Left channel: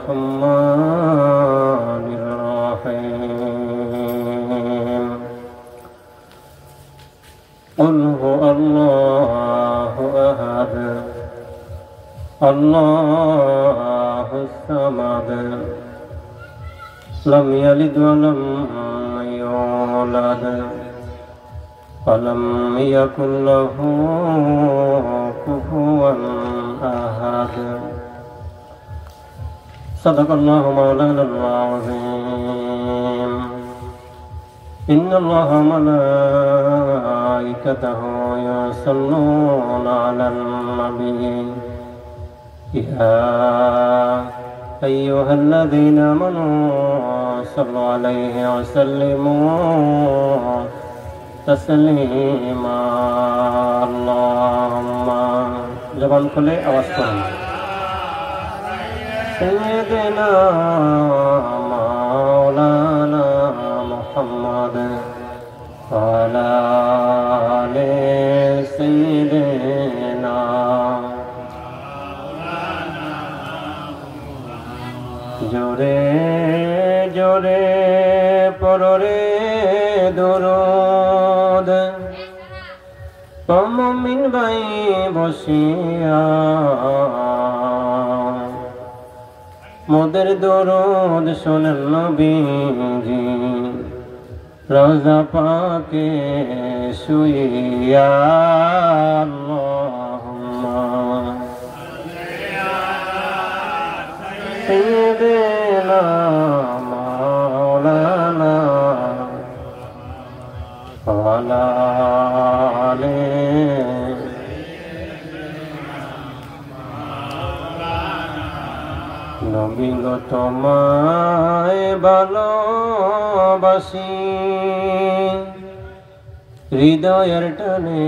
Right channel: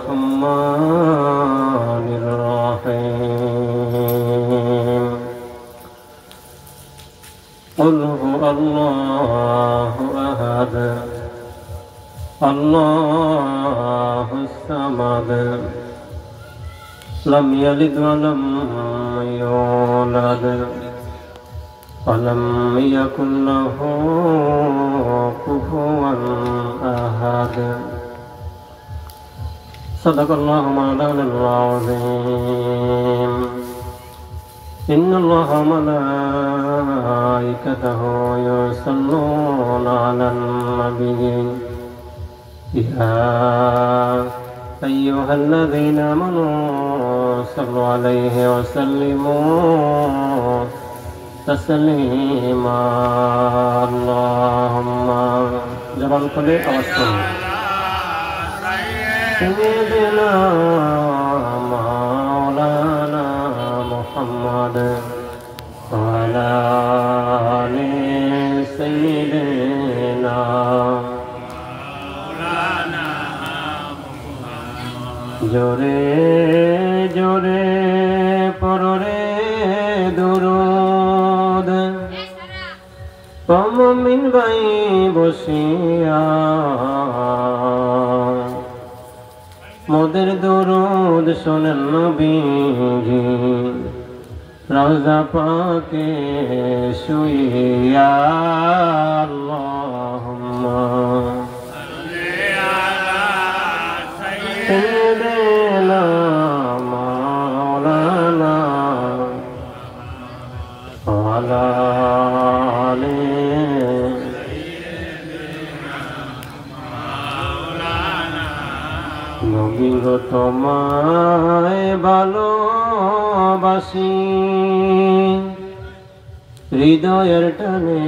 الرحمن الرحيم قل هو الله أحد الله الصمد لم يلد ولم يولد ولم يكن له كفوا أحد صدق الله مولانا العظيم إن الله وملائكته يصلون على النبي يا أيها الذين آمنوا صلوا عليه وسلموا تسليما اللهم জবান খুলে আওয়াজ করুন سيدنا مولانا محمد وعلى آل سيدنا مولانا জোরে জোরে পড়রে দুরূদ মুমিন ভাই বসিয়া মোদের দরুদ শোনেন নবীজি রওজা পাকে শুইয়া আল্লাহুম্মা সাইয়্যিদিনা মাওলানা ওয়ালা আলি নবী গো তোমায় ভালোবাসি হৃদয়ের টানে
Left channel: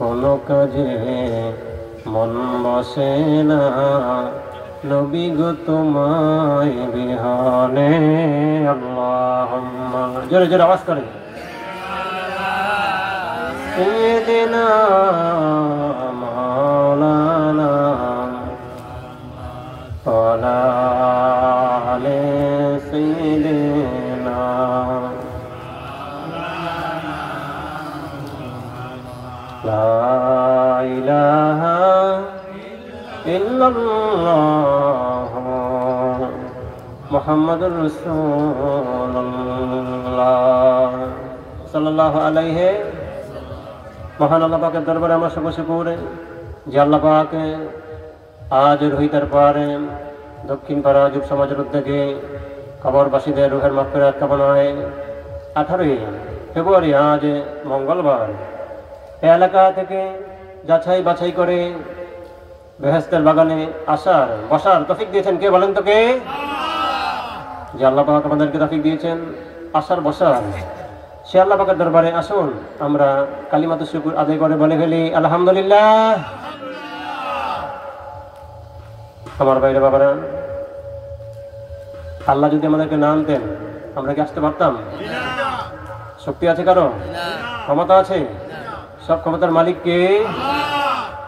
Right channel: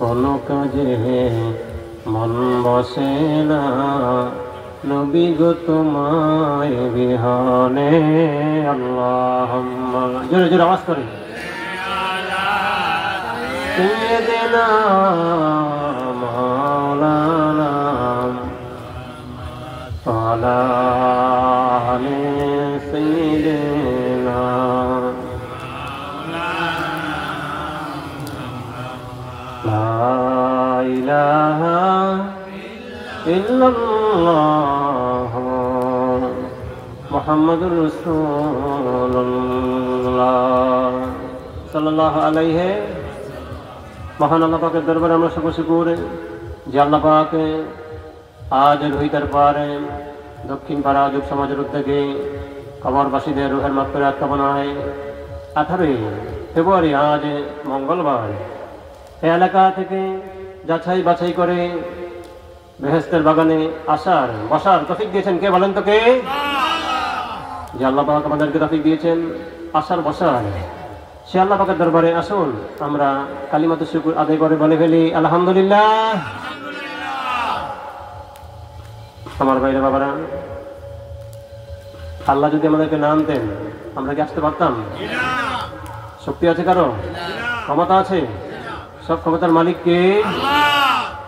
কোনো কাজে মন বসে না নবী গো তোমায় বিহানে আল্লাহুম্মা জোরে জোরে আওয়াজ করেন সাইয়্যিদিনা মাওলানা ওয়ালা আলি সাইয়্যিদিনা লা ইলাহা ইল্লাল্লাহ মুহাম্মাদুর রাসূলুল্লাহ সাল্লাল্লাহু আলাইহি মহান আল্লাহ পাকের দরবারে আমরা সকল শুকর যে আল্লাহ পাক আজ রোহিতার পারে দক্ষিণ পাড়া যুব সমাজের উদ্যোগে কবরবাসীদের রুহের মাগফিরাত কামনায় 18 ফেব্রুয়ারি আজ মঙ্গলবার এই এলাকা থেকে যাচাই বাছাই করে বেহেশতের বাগানে আসার বসার তৌফিক দিয়েছেন কে বলেন তো কে? যে আল্লাহ পাক আমাদেরকে তৌফিক দিয়েছেন আসার বসার সে আল্লাহ পাকের দরবারে আসুন আমরা কালিমাতুশ শুকর আদায় করে বলে ফেলি আলহামদুলিল্লাহ। আমার ভাইরা বাবারা, আল্লাহ যদি আমাদেরকে না আনতেন আমরা কি আসতে পারতাম? শক্তি আছে কারো? ক্ষমতা আছে? সব ক্ষমতার মালিক কে?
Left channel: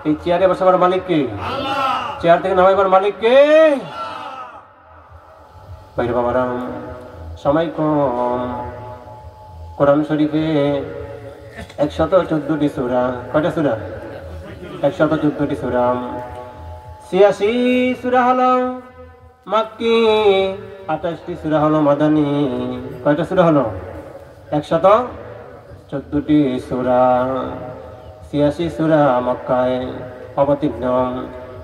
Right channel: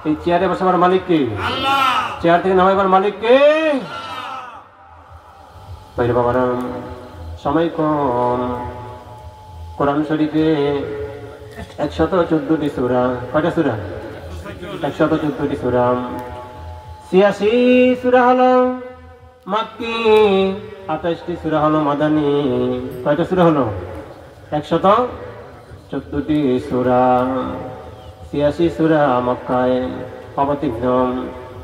এই চেয়ারে বসাবার মালিক কে? চেয়ার থেকে নামাইবার মালিক কে? ভাইরা বাবারা, সময় কম। কোরআন শরীফে 114টি সূরা, কয়টা সূরা? 114টি সূরা। 86 সূরা হলো মাক্কি, 28টি সূরা হলো মাদানী। কয়টা সূরা হলো? 114টি সূরা। 86 সূরা মক্কায় অবতীর্ণ,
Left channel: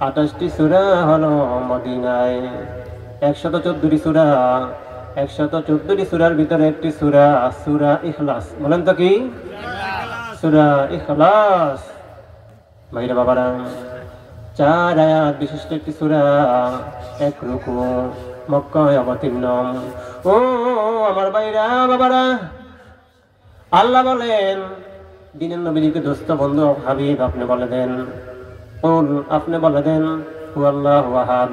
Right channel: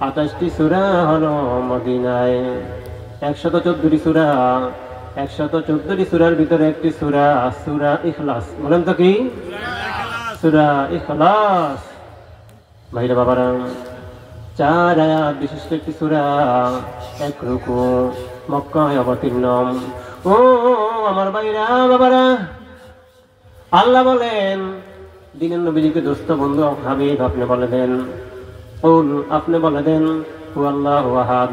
28টি সূরা হলো মদিনায়। 114টি সূরা, 114টি সূরার ভিতরে একটি সূরা সূরা ইখলাস। বলেন তো কি? সূরা ইখলাস। ভাইরা বাবারা, 4 আয়াত বিশিষ্ট একটি সূরা, 1 রুকু, মক্কায় অবতীর্ণ। ও আমার ভাইরা বাবারা, আল্লাহ বলেন দিনের নবীজিকে দোস্ত বন্ধু হাবিব আপনি বলে দেন, আপনি বলে দেন হু আল্লাহু আহাদ,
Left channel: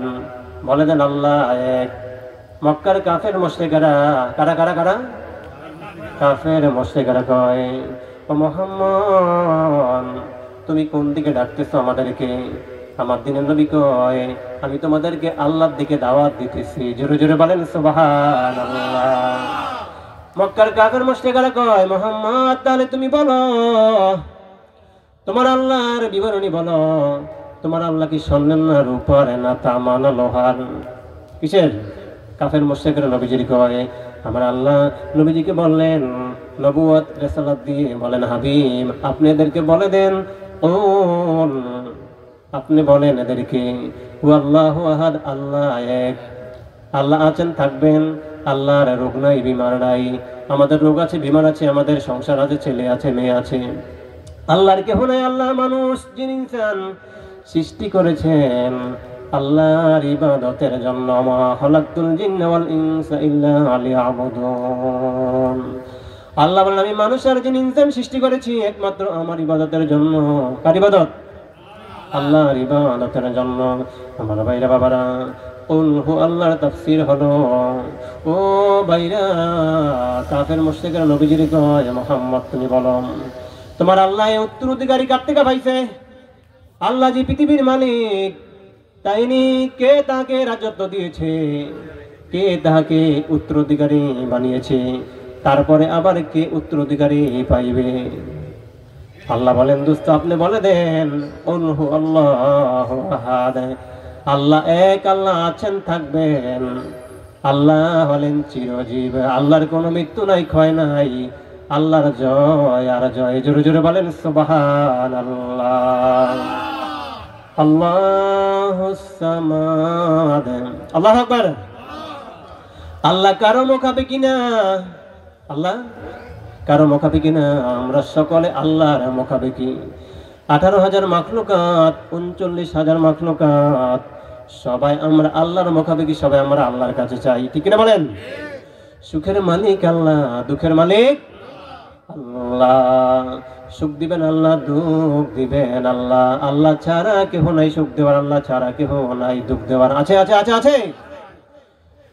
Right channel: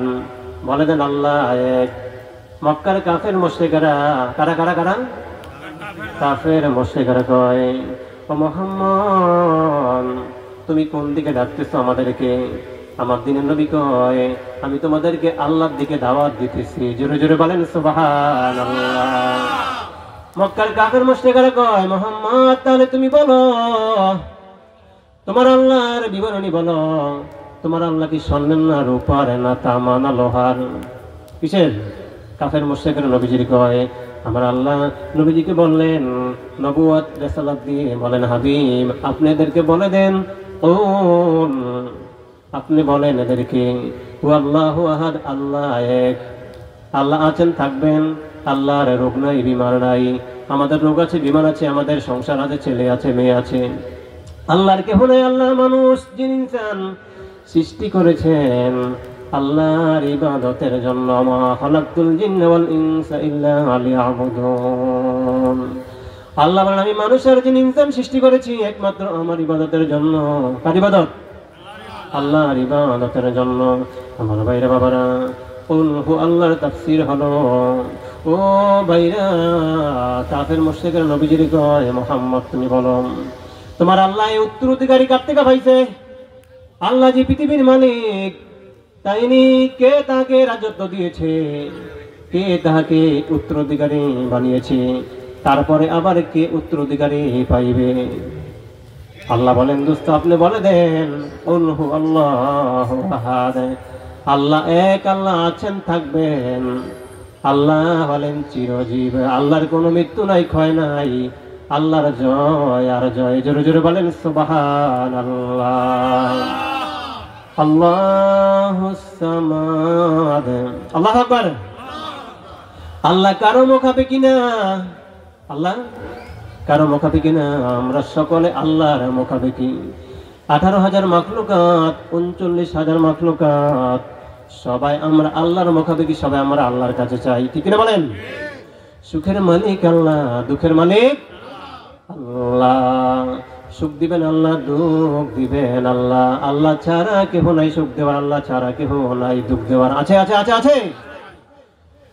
বলে দেন আল্লাহ এক। মক্কার কাফের মুশরিকরা কারা কারা কারা? কাফের মুশরিকরা কয় ও মুহাম্মদ তুমি কোন দিকে ডাকতেছো আমাদেরকে? আমার দিনের নবী কয়, আমি তোমাদেরকে আল্লাহর দিকে দাওয়াত দিতেছি। জোরে জোরে বলেন সুবহানাল্লাহ। মক্কার কাফের মুশরিকরা কয়, মুহাম্মদ তাহলে তুমি বলো, তোমার আল্লাহর বিবরণী বলো। তোমার আল্লাহ কি স্বর্ণের না রূপার না তামা না লোহার? কিসের? কাফের মুশরিকরা নবীজির কয়, আমার আল্লাহ নবীজিকে বললেন, নবুয়ত রিসালাত দিয়ে বলেন, হাবিব আপনি এদেরকে বলে দেন, ও আপনি বলেন এদেরকে, আল্লাহু আহাদ, আল্লাহ এক। আল্লাহ আছেন, থাকবেন। আল্লাহর রোগ নাই, বিমার নাই। আমাদের রোগ আছে, বিমার আছে, আমাদের সংসার আছে, ছেলে আছে, মেয়ে আছে। আল্লাহর কেহ নাই। আল্লাহ মানুষ জিন ইনসান সৃষ্টি করেছেন আল্লাহর ইবাদতের জন্য। মা খালাকতুল জিন্না ওয়াল ইনসা ইল্লা লিয়াবুদুন। আল্লাহ বলেন, আমি মানুষ আর জিন ইনসান সৃষ্টি করেছি একমাত্র আমার ইবাদতের জন্য। কার ইবাদত? আল্লাহর ইবাদতের জন্য। আমার ভাইরা বাবারা, উনহু আল্লাহর তাফসীর হলো, ও ভাইরা, কাফের মুশরিকরা নবীজির কয়, মুহাম্মদ তুমি বলো, তোমার আল্লাহ উত্তরাধিকারী কার থেকে পাইছে? আল্লাহ যে পৃথিবীর মালিক, তাইনি কে তাকে রাজত্ব দিয়েছে? কে তাকে উত্তরাধিকারী বানিয়েছে? তারপরে আবার কে উত্তরাধিকারী পাইবে? আল্লাহ বলেন, দোস্ত আপনি বলে দেন, উনহু আল্লাহু আহাদ, আল্লাহ এক, আল্লাহ আছেন, থাকবেন। আল্লাহ হলেন চিরজীব। আল্লাহর কোনো মৃত্যু নাই, ক্ষয় নাই। আল্লাহর জয় আর জয়। জোরে জোরে বলেন সুবহানাল্লাহ। আল্লাহুস সামাদ। আল্লাহু আকবার। আল্লাহ কারো মুখাপেক্ষী না। আল্লাহ কারো মুখাপেক্ষী না। আমরা সকলে আল্লাহর মুখাপেক্ষী। 18,000 মাখলুকাত, 39,000 মাখলুকাত, সবাই আমরা আল্লাহর মুখাপেক্ষী। সবাই আমরা আল্লাহর কাছে চাই, ঠিক না বলেন? সুখের মালিক আল্লাহ, দুঃখের মালিক আল্লাহ। সুখ দিবেন আল্লাহ, দুঃখ দিবেন আল্লাহ। আল্লাহ ছাড়া কেহ নাই সুখ দেওয়ার, আল্লাহ ছাড়া কেহ নাই দুঃখ দেওয়ার। আছে আছে আছে আছে।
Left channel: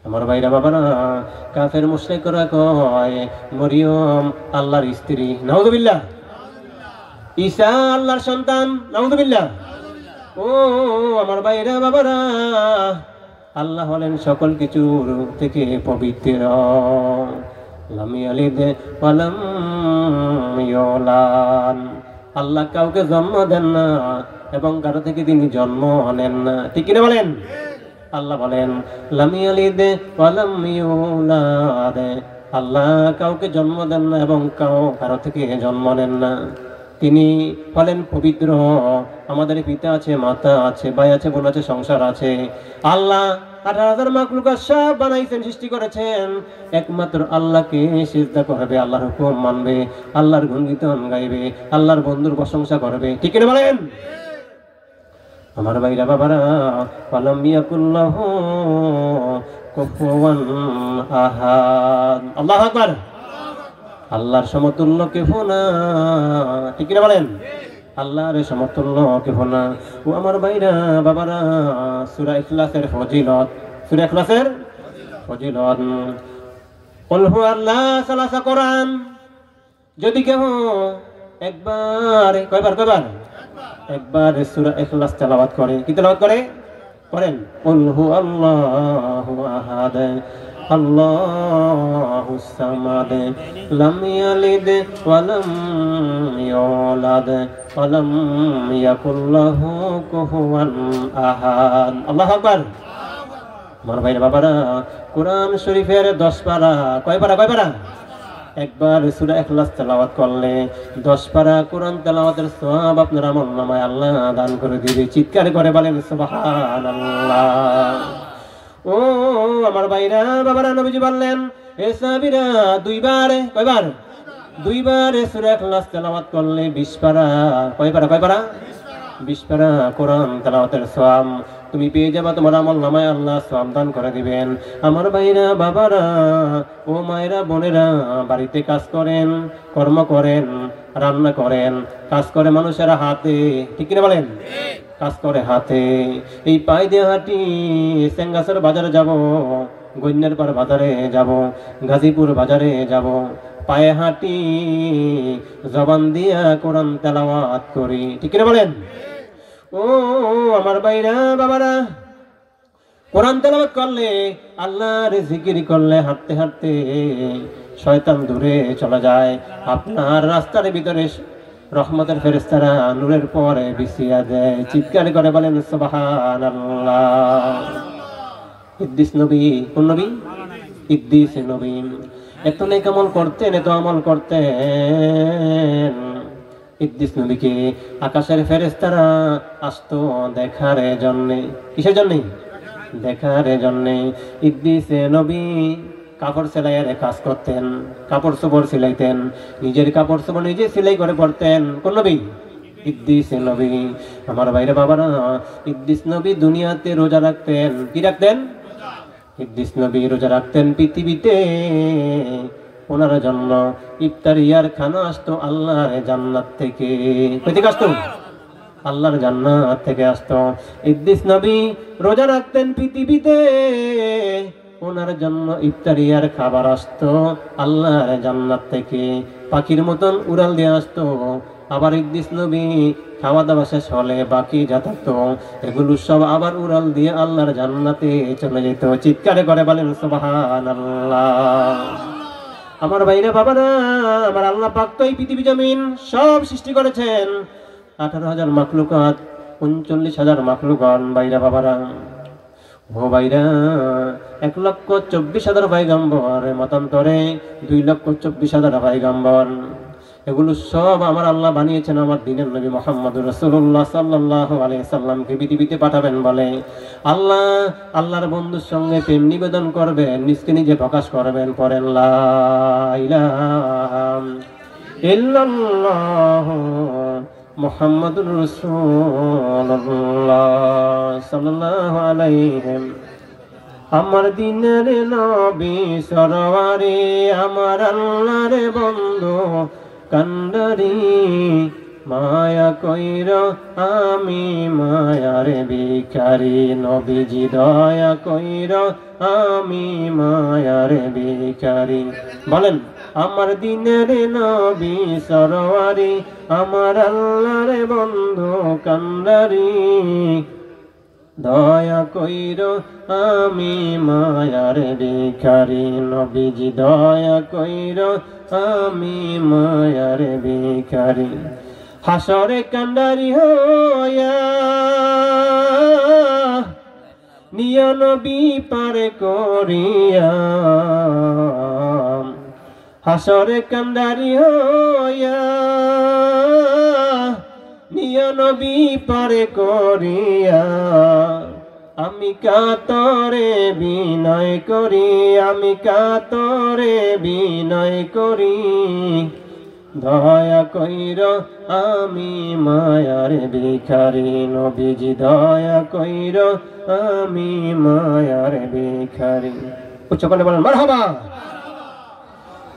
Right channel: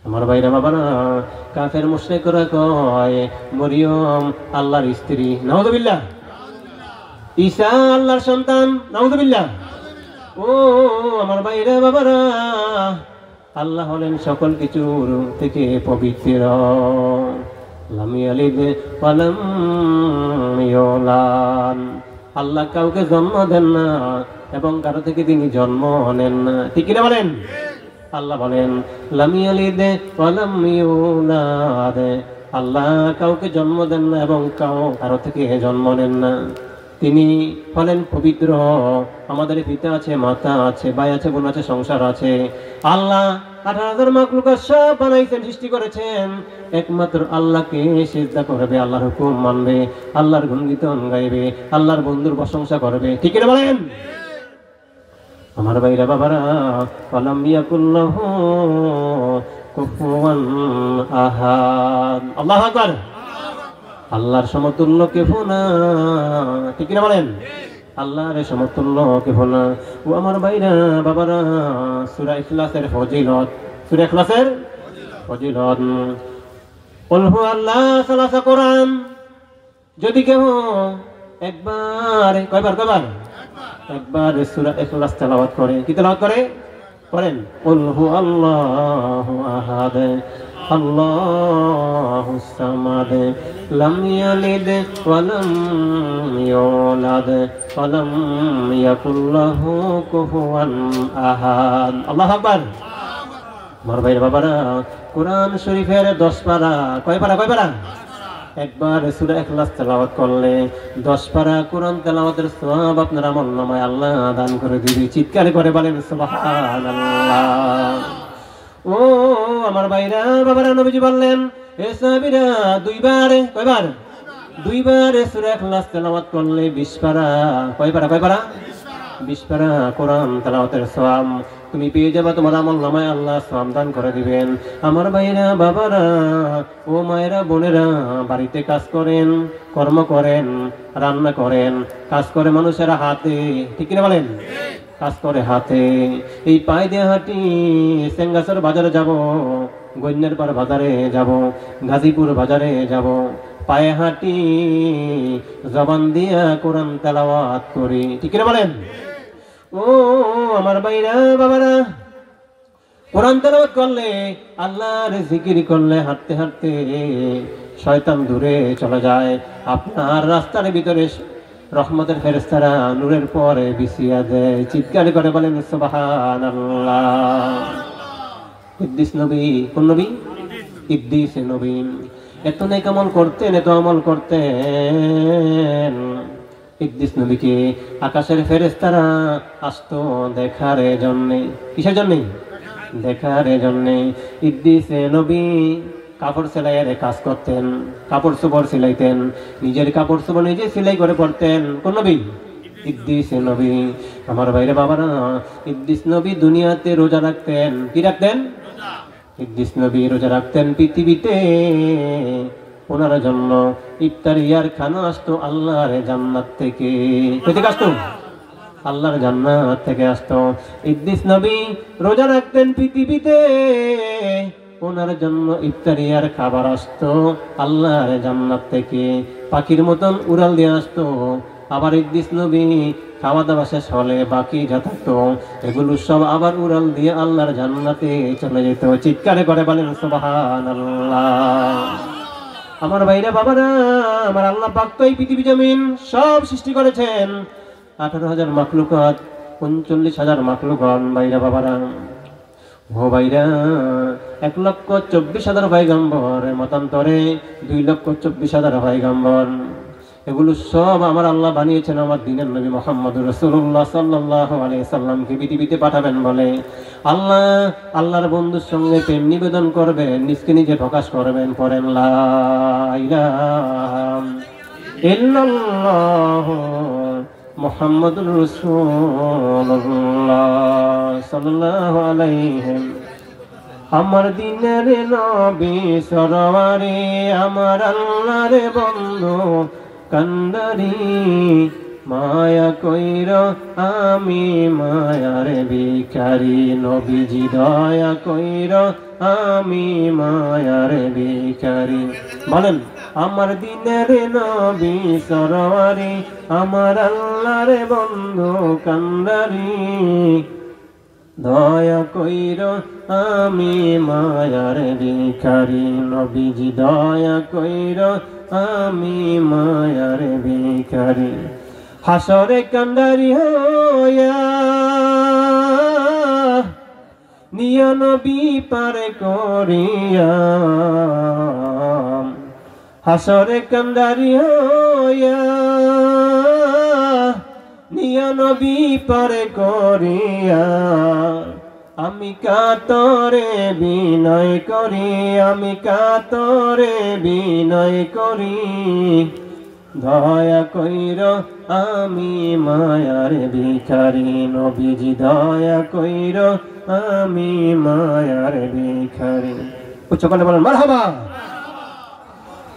আমার ভাইরা বাবারা, কাফের মুশরিকরা কয়, মরিয়ম আল্লাহর স্ত্রী, নাউযুবিল্লাহ। ঈসা আল্লাহর সন্তান, নাউযুবিল্লাহ। ও আমার ভাইরা বাবারা, আল্লাহ হলেন সকল কিছুর থেকে পবিত্র। লাম ইয়ালিদ ওয়া লাম ইউলাদ। আল্লাহ কাউকে জন্ম দেন না এবং কারো থেকে তিনি জন্ম নেন না, ঠিক না বলেন? আল্লাহ বলেন, লাম ইয়ালিদ ওয়া লাম ইউলাদ। আল্লাহ কাউকে জন্ম দেন না এবং কারো থেকে জন্ম নেন না। তিনি হলেন পবিত্র। আমাদের পিতা আছে, মাতা আছে, ভাই আছে, বোন আছে, সংসার আছে। আল্লাহ 18,000 মাখলুকাত সব বানাইছেন, সৃষ্টি করেছেন। একমাত্র আল্লাহকে সিজদা করবে, আল্লাহর হুকুম মানবে, আল্লাহর গুণগীতন গাইবে, আল্লাহর বন্ধুর প্রশংসা করবে, ঠিক না বলেন? আমার ভাইরা বাবারা, ওয়ালাম ইয়াকুল্লাহু কুফুয়ান আহাদ। আল্লাহু আকবার। আল্লাহর সমতুল্য কেহ না, ঠিক না বলেন? আল্লাহর সমতুল্য কেহ না। ও আমার ভাইরা বাবারা, সূরা ইখলাসের ফজিলত, সূরা ইখলাসের ফজিলত, কুল হুয়াল্লাহু সালাসা কোরআন। যদি কেউ একবার, কয়বার? একবার সূরা ইখলাস তেলাওয়াত করে, কি তেলাওয়াত করে? করেন, কুল হুয়াল্লাহু আহাদ, আল্লাহুস সামাদ, লাম ইয়ালিদ ওয়া লাম ইউলাদ ওয়া লাম ইয়াকুল লাহু কুফুয়ান আহাদ। আল্লাহু আকবার। আমার ভাইয়ের বাবারা, কোরআন শরীফের 10 পারা, কয় পারা? একবার সূরা ইখলাস তেলাওয়াত করলে 10 পারা কোরআন তেলাওয়াতের সওয়াব আপনার আমলনামায় আল্লাহ দান করে দিবে। চিৎকার করে বলেন সুবহানাল্লাহ। ও আমার ভাইরা বাবারা, নবীজি বললেন, হে সাহাবীরা, কয়বার? 2 বার সূরা ইখলাস তেলাওয়াত করলে 20 পারা, কয় পারা? 20 পারা কোরআন তেলাওয়াতের সওয়াব তুমি পেয়ে যাবা। তোমার আমলনামায় আল্লাহ সওয়াব দান করে দিবেন। আমার ভাইরা বাবারা, ও মায়েরা বোনেরা, বাড়িতে কাজ করেন, কর্ম করেন, রান্না করেন, কাজ করে মানুষের হাতে, ঠিক না বলেন? কাজ করে হাতে। এই পায়ে দিয়ে হাঁটি, সেঙ্গাসের বাজারে যাব, গন্যারপাড় বাজারে যাব, গাজীপুর বাজারে যাব, পায়ে হাঁটি, জবান দিয়া কোরআন তেলাওয়াত করি। ঠিক কিনা বলেন? ও আমার ভাইরা বাবারা, কোরআন তেলাওয়াত করলে, আল্লাহর জিকির করলে, হাঁটতে হাঁটতে শয়তান দূরে চলে যায়। আপনার রাস্তার ভিতরে রহমতের ফেরেশতারা নূরের পরে বিছিয়ে দেয়। চিৎকার করে বলেন সুবহানাল্লাহ। ইদ্রিস নবী, কোন নবী? ইদ্রিস নবী এত নেক আমল করতেন, এত আমল করতেন। ইদ্রিস নবীকে আকাশের ফেরেশতারা আসতো দেখার জন্যে। কিসের জন্যে? দেখার জন্যে। ইদ্রিস নবী কাপড় সেলাইয়ের কাজ করতেন, কাপড় চোপড় সিলাইতেন, নিজের কাপড় চোপড় নিজে সিলাই করে পড়তেন। কোন নবী? ইদ্রিস নবী। আমার ভাইরা বাবারা, ইদ্রিস নবী দুনিয়াতে রোজা রাখতেন। কি রাখতেন? ইদ্রিস নবী রোজা রাখতেন। পৃথিবীতে ওনার জন্য ইফতারিয়ার খানা আসতো আল্লাহর জান্নাত থেকে। কই থেকে আসতো? আল্লাহর জান্নাত থেকে আসতো। ইদ্রিস নবী রোজা রাখতেন, পৃথিবীতে ওনার জন্য ইফতারিয়ার খাবার আসতো আল্লাহর জান্নাত থেকে। পাখির মতন উড়াল দিয়ে আসতো। আবার ইদ্রিস নবী খাওয়া দাওয়া শেষ হলে বাকি যা থাকতো এগুলো সব আবার উড়াল দিয়ে আল্লাহর জান্নাতে চলে যেত। চিৎকারে করে বলেন সুবহানাল্লাহ। আমার ভাইরা বাবারা, আমার আল্লাহ পাক তো এই পৃথিবী জমিন সব সৃষ্টি করেছেন। 18,000 মাখলুকাত, 39,000 মাখলুকাত। ভাইরা বাবারা, ও ভাইরা, 1,24,000 পয়গম্বর, মতান্তরে 2,24,000 পয়গম্বর। এগুলো সব আমার আল্লাহ বানিয়েছেন আমার দিনের নবী মুহাম্মদুর রাসূলুল্লাহ সাল্লাল্লাহু আলাইহি ওয়াসাল্লামকে পৃথিবীতে পাঠাবেন বলে। আল্লাহ আল্লাহর বন্ধুর সঙ্গে প্রেম নিবেদন করবেন, নিজকে নিজে প্রকাশ করবেন। পড়েন লা ইলাহা ইল্লাল্লাহ মুহাম্মাদুর রাসূলুল্লাহ সাল্লাল্লাহু আলাইহি। আমার দিনের নবী সরওয়ারে, আমার আল্লাহর বন্ধু কান্দারি, মায়া কইর আমি মায়ার ভিখারি। নবীজি দয়া কইর আমি মায়ার ভিখারি। বলেন, আমার দিনের নবী সরওয়ারে, আমার আল্লাহর বন্ধু কান্দারি, দয়া কইর আমি মায়ার ভিখারি। নবীজি দয়া কইর আমি মায়ার ভিখারি। হাসরে কান্ডারি হইয়া নিয়া নবী পারে করিয়া, হাসরে কান্ডারি হইয়া নিয়া নবী পারে করিয়া। আমি কাতরে বিনয় করি, আমি কাতরে বিনয় করি, দয়া কইর আমি মায়ার ভিখারি। নবীজি দয়া কইর আমি মায়ার ভিখারি। উচ্চ করে বলেন মারহাবা।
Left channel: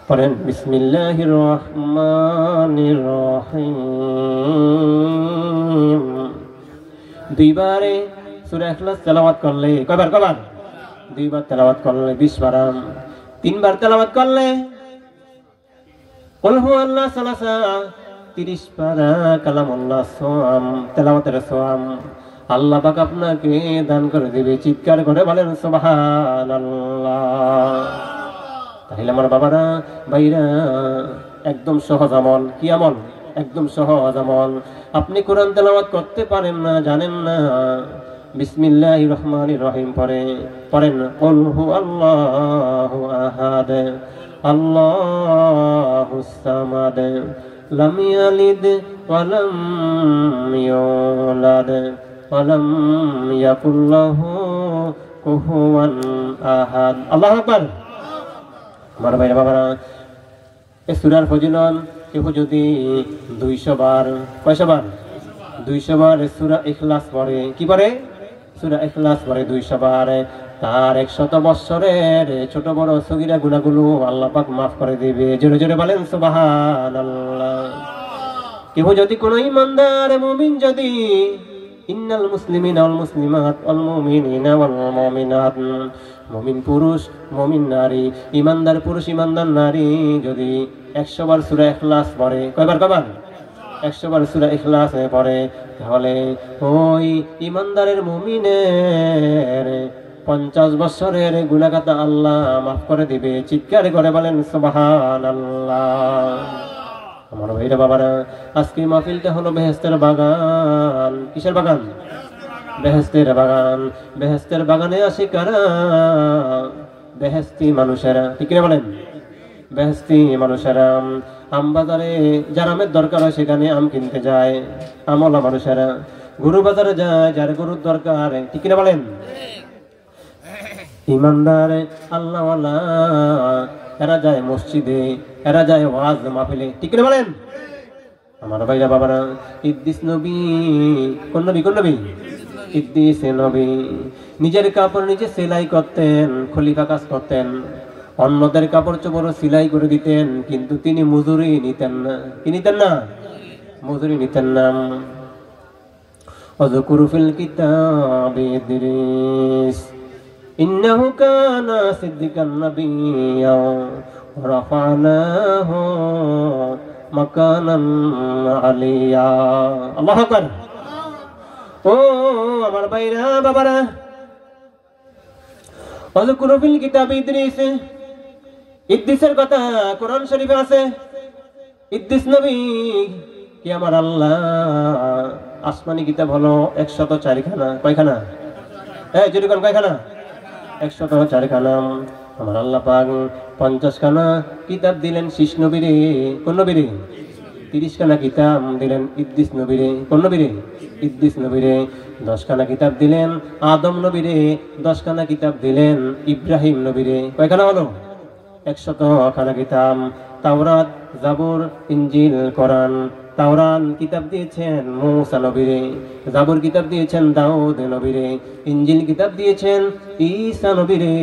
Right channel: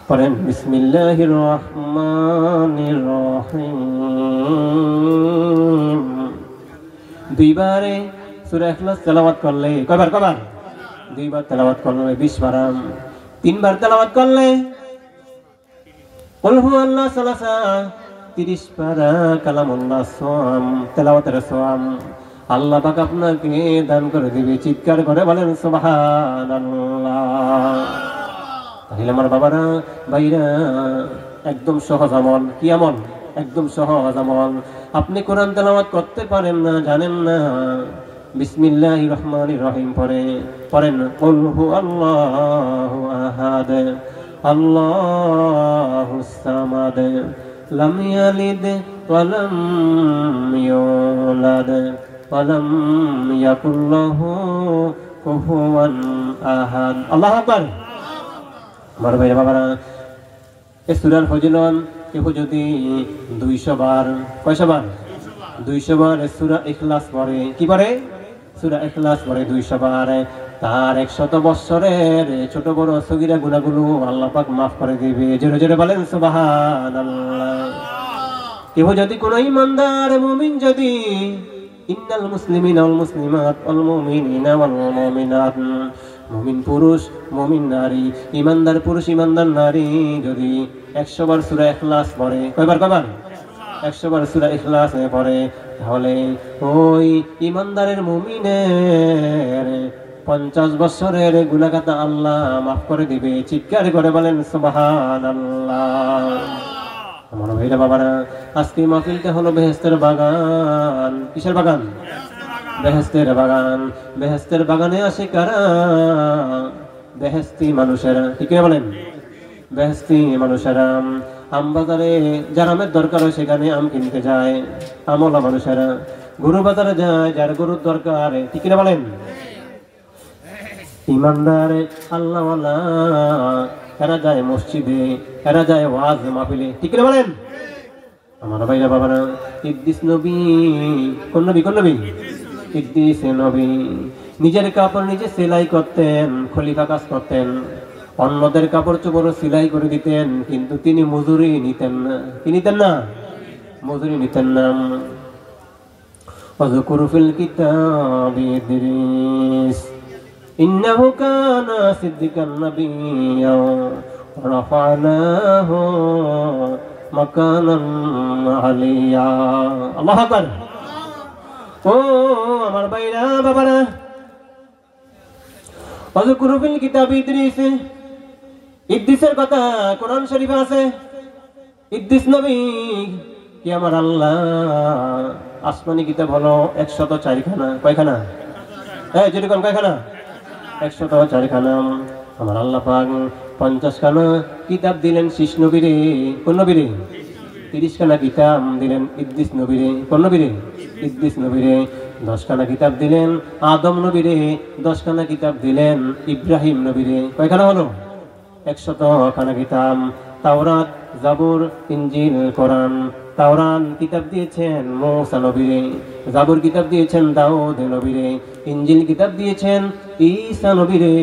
পড়েন বিসমিল্লাহির রহমানির রহিম। দুইবারে সূরা ইখলাস তেলাওয়াত করলে, কয়বার? কয়বার? দুইবার তেলাওয়াত করলে 20 বার। 3 বার তেলাওয়াত করলে কুল হুয়াল্লাহু সালাসা 30 পারা কালামুল্লাহ সোয়াম, তেলাওয়াতের সোয়াম আল্লাহ পাক আপনাকে দান করে দিবে। চিৎকার করে বলেন সুবহানাল্লাহ। তাহলে আমার বাবারা ভাইরা, একদম সহজ আমল। কি আমল? একদম সহজ আমল। আপনি কোরআন তেলাওয়াত করতে পারেন না, জানেন না, বিসমিল্লাহির রহমানির রহিম পড়েন কুল হুয়াল্লাহু আহাদ আল্লাহুস সামাদ লাম ইয়ালিদ ওয়া লাম ইউলাদ ওয়া লাম ইয়াকুল লাহু কুফুয়ান আহাদ। আল্লাহু আকবার। আমার ভাইরা বাবারা, এই সূরার ফজিলত কেউ যদি 200 বার, কয়শো বার? 200 বার সূরা ইখলাস পড়ে। কি পড়ে? সূরা ইখলাস পড়ে 200 বার, তার 100 বছরের ছোট বড় সগীরা গুনাহগুলো আল্লাহ পাক মাফ করে দিবে। জোরে জোরে বলেন সুবহানাল্লাহ। কেউ যদি কোন ঈমানদার মুমিন যদি ইন্নাল মুসলিমিনা ওয়াল মুসলিমাত ওয়াল মুমিনিনা ওয়াল মুমিনাত মুমিন পুরুষ মুমিন নারী, ইমানদার পুরুষ ইমানদার নারী যদি 100 বার সূরা ইখলাস পড়ে, কয়বার 100 বার সূরা ইখলাস পড়ে, তাহলে ওই ইমানদারের মুমিনের 50 বছরের গুনাহগাতা আল্লাহ মাফ করে দিবে। চিৎকার করে বলেন সুবহানাল্লাহ। আমার ভাইরা বাবারা, আজকে মাহফিলটা হলো বেহেশতের বাগান। কিসের বাগান? বেহেশতের বাগান। বেহেশতের বাগানে আসে কারা? বেহেশতি মানুষেরা। ঠিক না বলেন? বেহেশতি মানুষেরা। আম বাজারে যার আমের দরকার হয় সেখানে আম কিনতে যায় আমলা মানুষেরা। গরু বাজারে যায় যার গরুর দরকার। ঠিক না বলেন? ইমানদার আল্লাহওয়ালা এরা যায় মসজিদে, এরা যায় ওয়াজ মাহফিলে। ঠিক না বলেন? আমার ভাইরা বাবারা, ইদ্রিস নবী, কোন নবী? ইদ্রিস নবী নিজের কাপড় নিজে সেলাই করতেন, খলিফা কাজ করতেন, অন্যদের কাপড় চোপড় সেলাই করে দিতেন, কিন্তু তিনি মজুরি নিতেন না। কি নিতেন না? মজুরি নিতেন না। ওয়াযকুর ফিল কিতাবি ইদ্রিস ইন্নাহু কানা সিদ্দিকান নাবিয়্যা রাফানাহু মাকানান আলিয়া। আল্লাহু আকবার। ও আমার ভাইরা বাবারা, ওয়াযকুর ফিল কিতাবি ইদ্রিস, ইদ্রিসের কথা কোরআন শরীফে আছে। ইদ্রিস নবী কি আমার আল্লাহ আসমানি কিতাব হলো 104 খানা। কয়খানা? যদি কোন কয়খানা? 104 খানা। আমার আল্লাহ পাক 50 খানা কিতাব দিলেন শীষ নবীরে। কোন নবীরে? 30 খানা কিতাব দিলেন ইদ্রিস নবীরে। কোন নবীরে? ইদ্রিস নবীরে। 10 খানা কিতাব দিলেন আদম নবীরে। 10 খানা কিতাব দিলেন ইব্রাহিম নবীরে। কয়খানা হলো? 100 খানা কিতাব। তাওরাত, জাবুর, ইনজিল, কোরআন। তাওরাত কিতাব দিয়েছেন মূসা নবীরে, জাবুর কিতাব দিয়েছেন দাউদ নবীরে, ইনজিল কিতাব দিয়েছেন ঈসা নবীরে।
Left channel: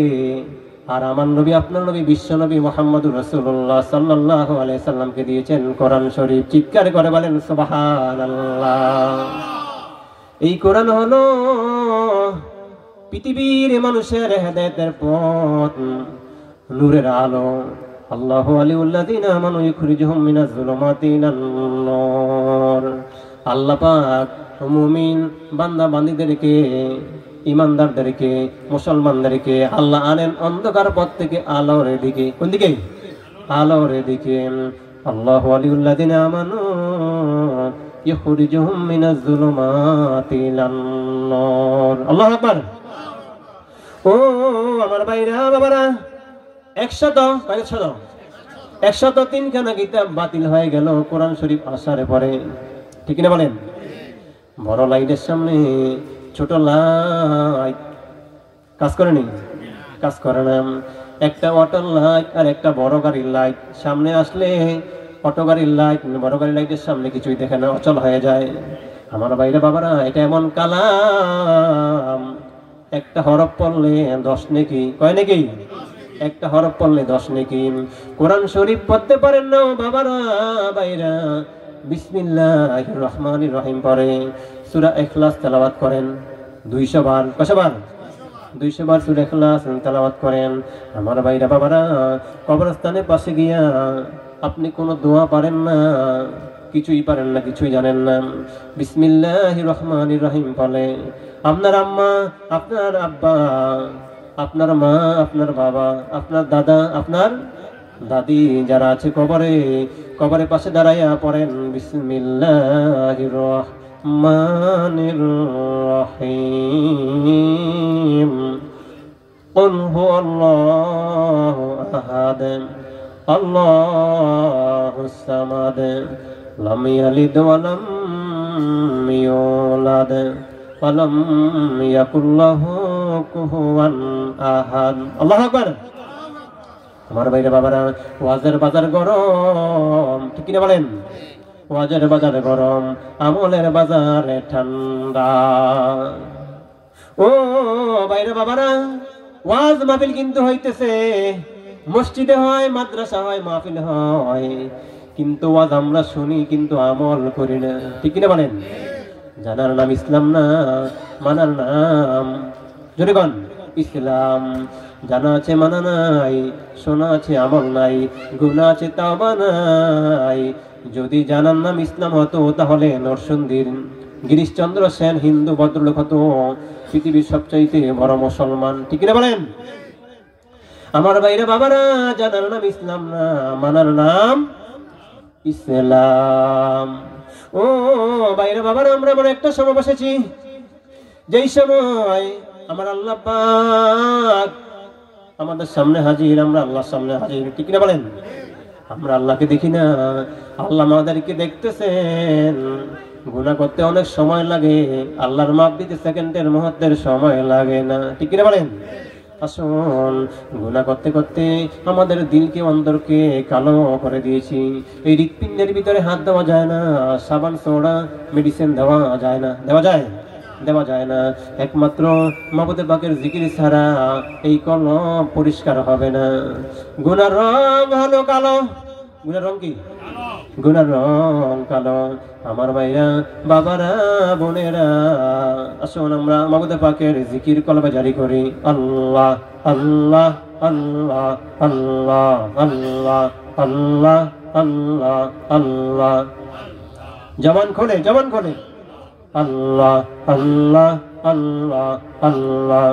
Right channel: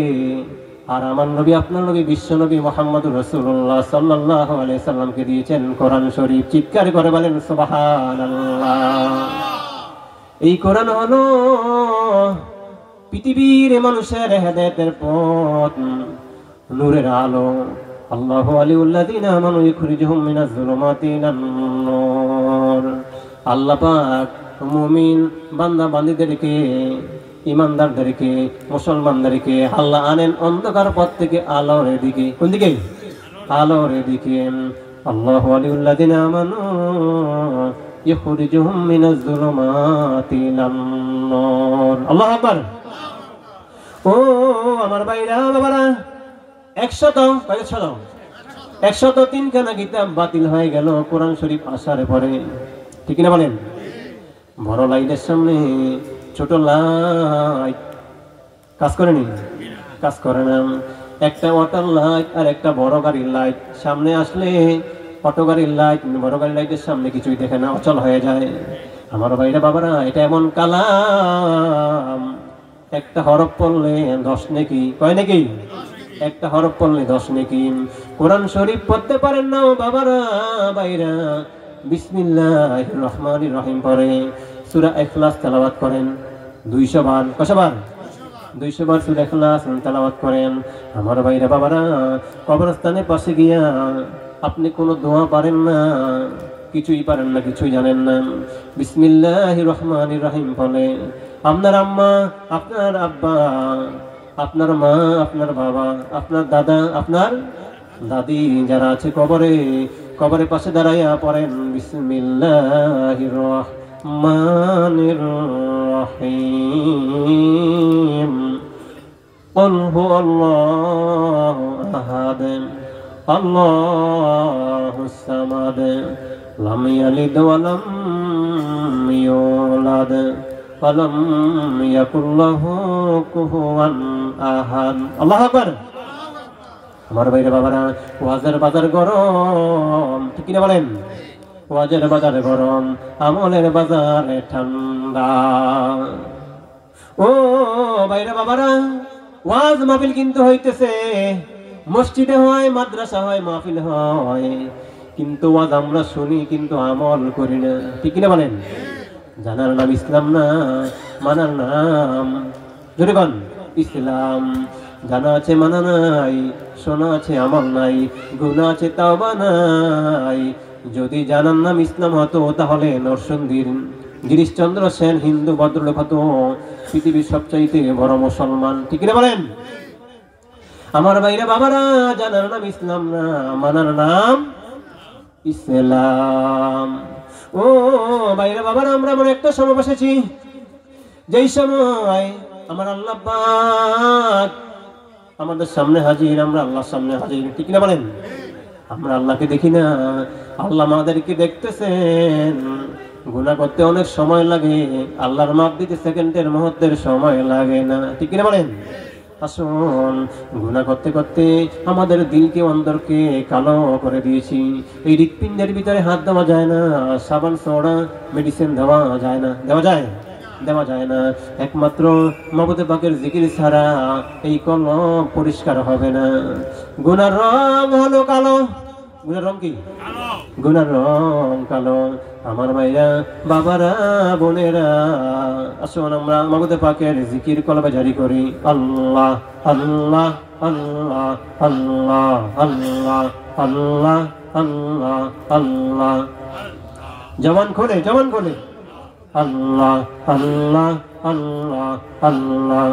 আর আমার নবী, আপনার নবী, বিশ্ব নবী মুহাম্মদুর রাসূলুল্লাহ সাল্লাল্লাহু আলাইহি সাল্লামকে দিয়েছেন কোরআন শরীফ। চিৎকার করে বলেন সুবহানাল্লাহ। এই কোরআন হলো পৃথিবীর মানুষের হেদায়েতের পথ, নূরের আলো। আল্লাহু ওয়ালিউল্লাযিনা আমানু ইখরিজুহুম মিনাজ যুলুমাতি ইলান নূর। আল্লাহ পাক মুমিন বান্দা বান্দীদেরকে, ইমানদারদেরকে, মুসলমানদেরকে আল্লাহ আনেন অন্ধকার পথ থেকে আলোর দিকে। কোন দিকে? আলোর দিকে। আল্লাহু ওয়ালিউল্লাযিনা আমানু ইখরিজুহুম মিনাজ যুলুমাতি ইলান নূর। আল্লাহু আকবার। ও আমার ভাইরা বাবারা, 103 খানা কিতাব বাতিল হয়ে গেল কোরআন শরীফ আসার পরে। ঠিক না বলেন? বড় লাইটের সামনে ছোট লাইট কাজ করেনি? কাজ করে না। একটা ওয়াটার লাইট আর একটা বড় গাড়ির লাইট সামনে আসলে অটো গাড়ির লাইট বড় গাড়ির লাইটের সামনে কিছুই দেখে না, অচল হয়ে যায়। আমার ভাইরা বাবারা, এটা এমন কালাম, একটা হরফ পড়লে 10 নেকি। কয় নেকি? একটা হরফ পড়লে 10 নেকি। কোরআন শরীফ পড়তে পারেন না বাবারা ভাইরা, বিসমিল্লাহির রহমানির রহিম পড়ে সূরা ইখলাস তেলাওয়াত করেন 200 বার। কয়শো বার? 200 বার সূরা ইখলাস তেলাওয়াত করেন। আমার ভাইরা বাবারা, কবরস্থানের পাশে গিয়া আপনি কোনো দোয়া পারেন না, কিছুই পারেন না, কিছুই জানেন না, বিসমিল্লাহির রহমানির রহিম বলে আপনার আম্মা, আপনার আব্বা, আপনার মা, আপনার বাবা, আপনার দাদা, আপনার দাদি যারা আছে কবরের পাশে দাঁড়াইয়া পড়েন বিসমিল্লাহির রহমানির রহিম। কুল হুয়াল্লাহু আহাদ আল্লাহুস সামাদ লাম ইয়ালিদ ওয়া লাম ইউলাদ ওয়া লাম ইয়াকুল লাহু কুফুয়ান আহাদ। আল্লাহু আকবার। আমার ভাইরা বাবারা, ওয়াজের বাজার গরম। ঠিক কিনা বলেন? ওয়াজের বাজার গরম, আমলের বাজারে ঠান্ডা। ও ভাইরা বাবারা, ওয়াজ মাহফিল কিন্তু হইতেছে, মসজিদে হয়, মাদ্রাসা হয়, মাহফিল হয়, কিন্তু ওয়াজ আমরা শুনি কিন্তু আমল করি না। ঠিক কিনা বলেন? জানার নাম ইসলাম না, মানার নাম জোরে বলেন ইসলাম। জানা আছে মানা নাই, শোনা আছে আমল নাই, গুনাহ আছে তাওবা নাই। যদি জানার নাম ইসলাম হতো তাহলে নরসিংদীর গিরিশচন্দ্র সেন হিন্দু ভদ্রলোক হতো পৃথিবীর সবচাইতে বড় মুসলমান। ঠিক না বলেন? আমার ভাইরা বাবারা, জানার নাম ইসলাম না, মানার নাম ইসলাম। ও ভাইরা বাবারা, আমরা এমন একটা সময় বসেছি যেই সময় আমার আল্লাহ পাক আমাদের সামনে হাজির, আমরা আল্লাহর সামনে হাজির। ঠিক না বলেন? আমরা আল্লাহকে দেখি না, আল্লাহ আমাদেরকে দেখতেছেন। গুনাহ করতে অনেক সময় লাগে, আল্লাহর মাপ দিতে সেকেন্ডের মুহূর্তের সময় লাগে না। ঠিক না বলেন? আসুন, গুনাহ করতে করতে আমাদের দিলকে অন্তরকে কালো করে দিয়েছি। এই হৃৎপিণ্ডের ভিতরে হাত দেওয়া যায় না, সাবান সোডা মেডিসিন দেওয়া যায় না। দেওয়া যায়? দেওয়া যায় না। একমাত্র মাবুদে পাকের জিকির ছাড়া এই কলম পরিষ্কার হবে না। গুনার রং হলো কালো। গুনার রং কি? গুনার রং কালো। আমার ভাইরা বাবারা বোনেরা, আসুন আমরা মাবুদে পাকের জিকির কলবে জারি করি। আল্লাহ আল্লাহ আল্লাহ আল্লাহ আল্লাহ আল্লাহ আল্লাহ আল্লাহ। জবান খোলে, জবান খোলে। আল্লাহ আল্লাহ আল্লাহ আল্লাহ।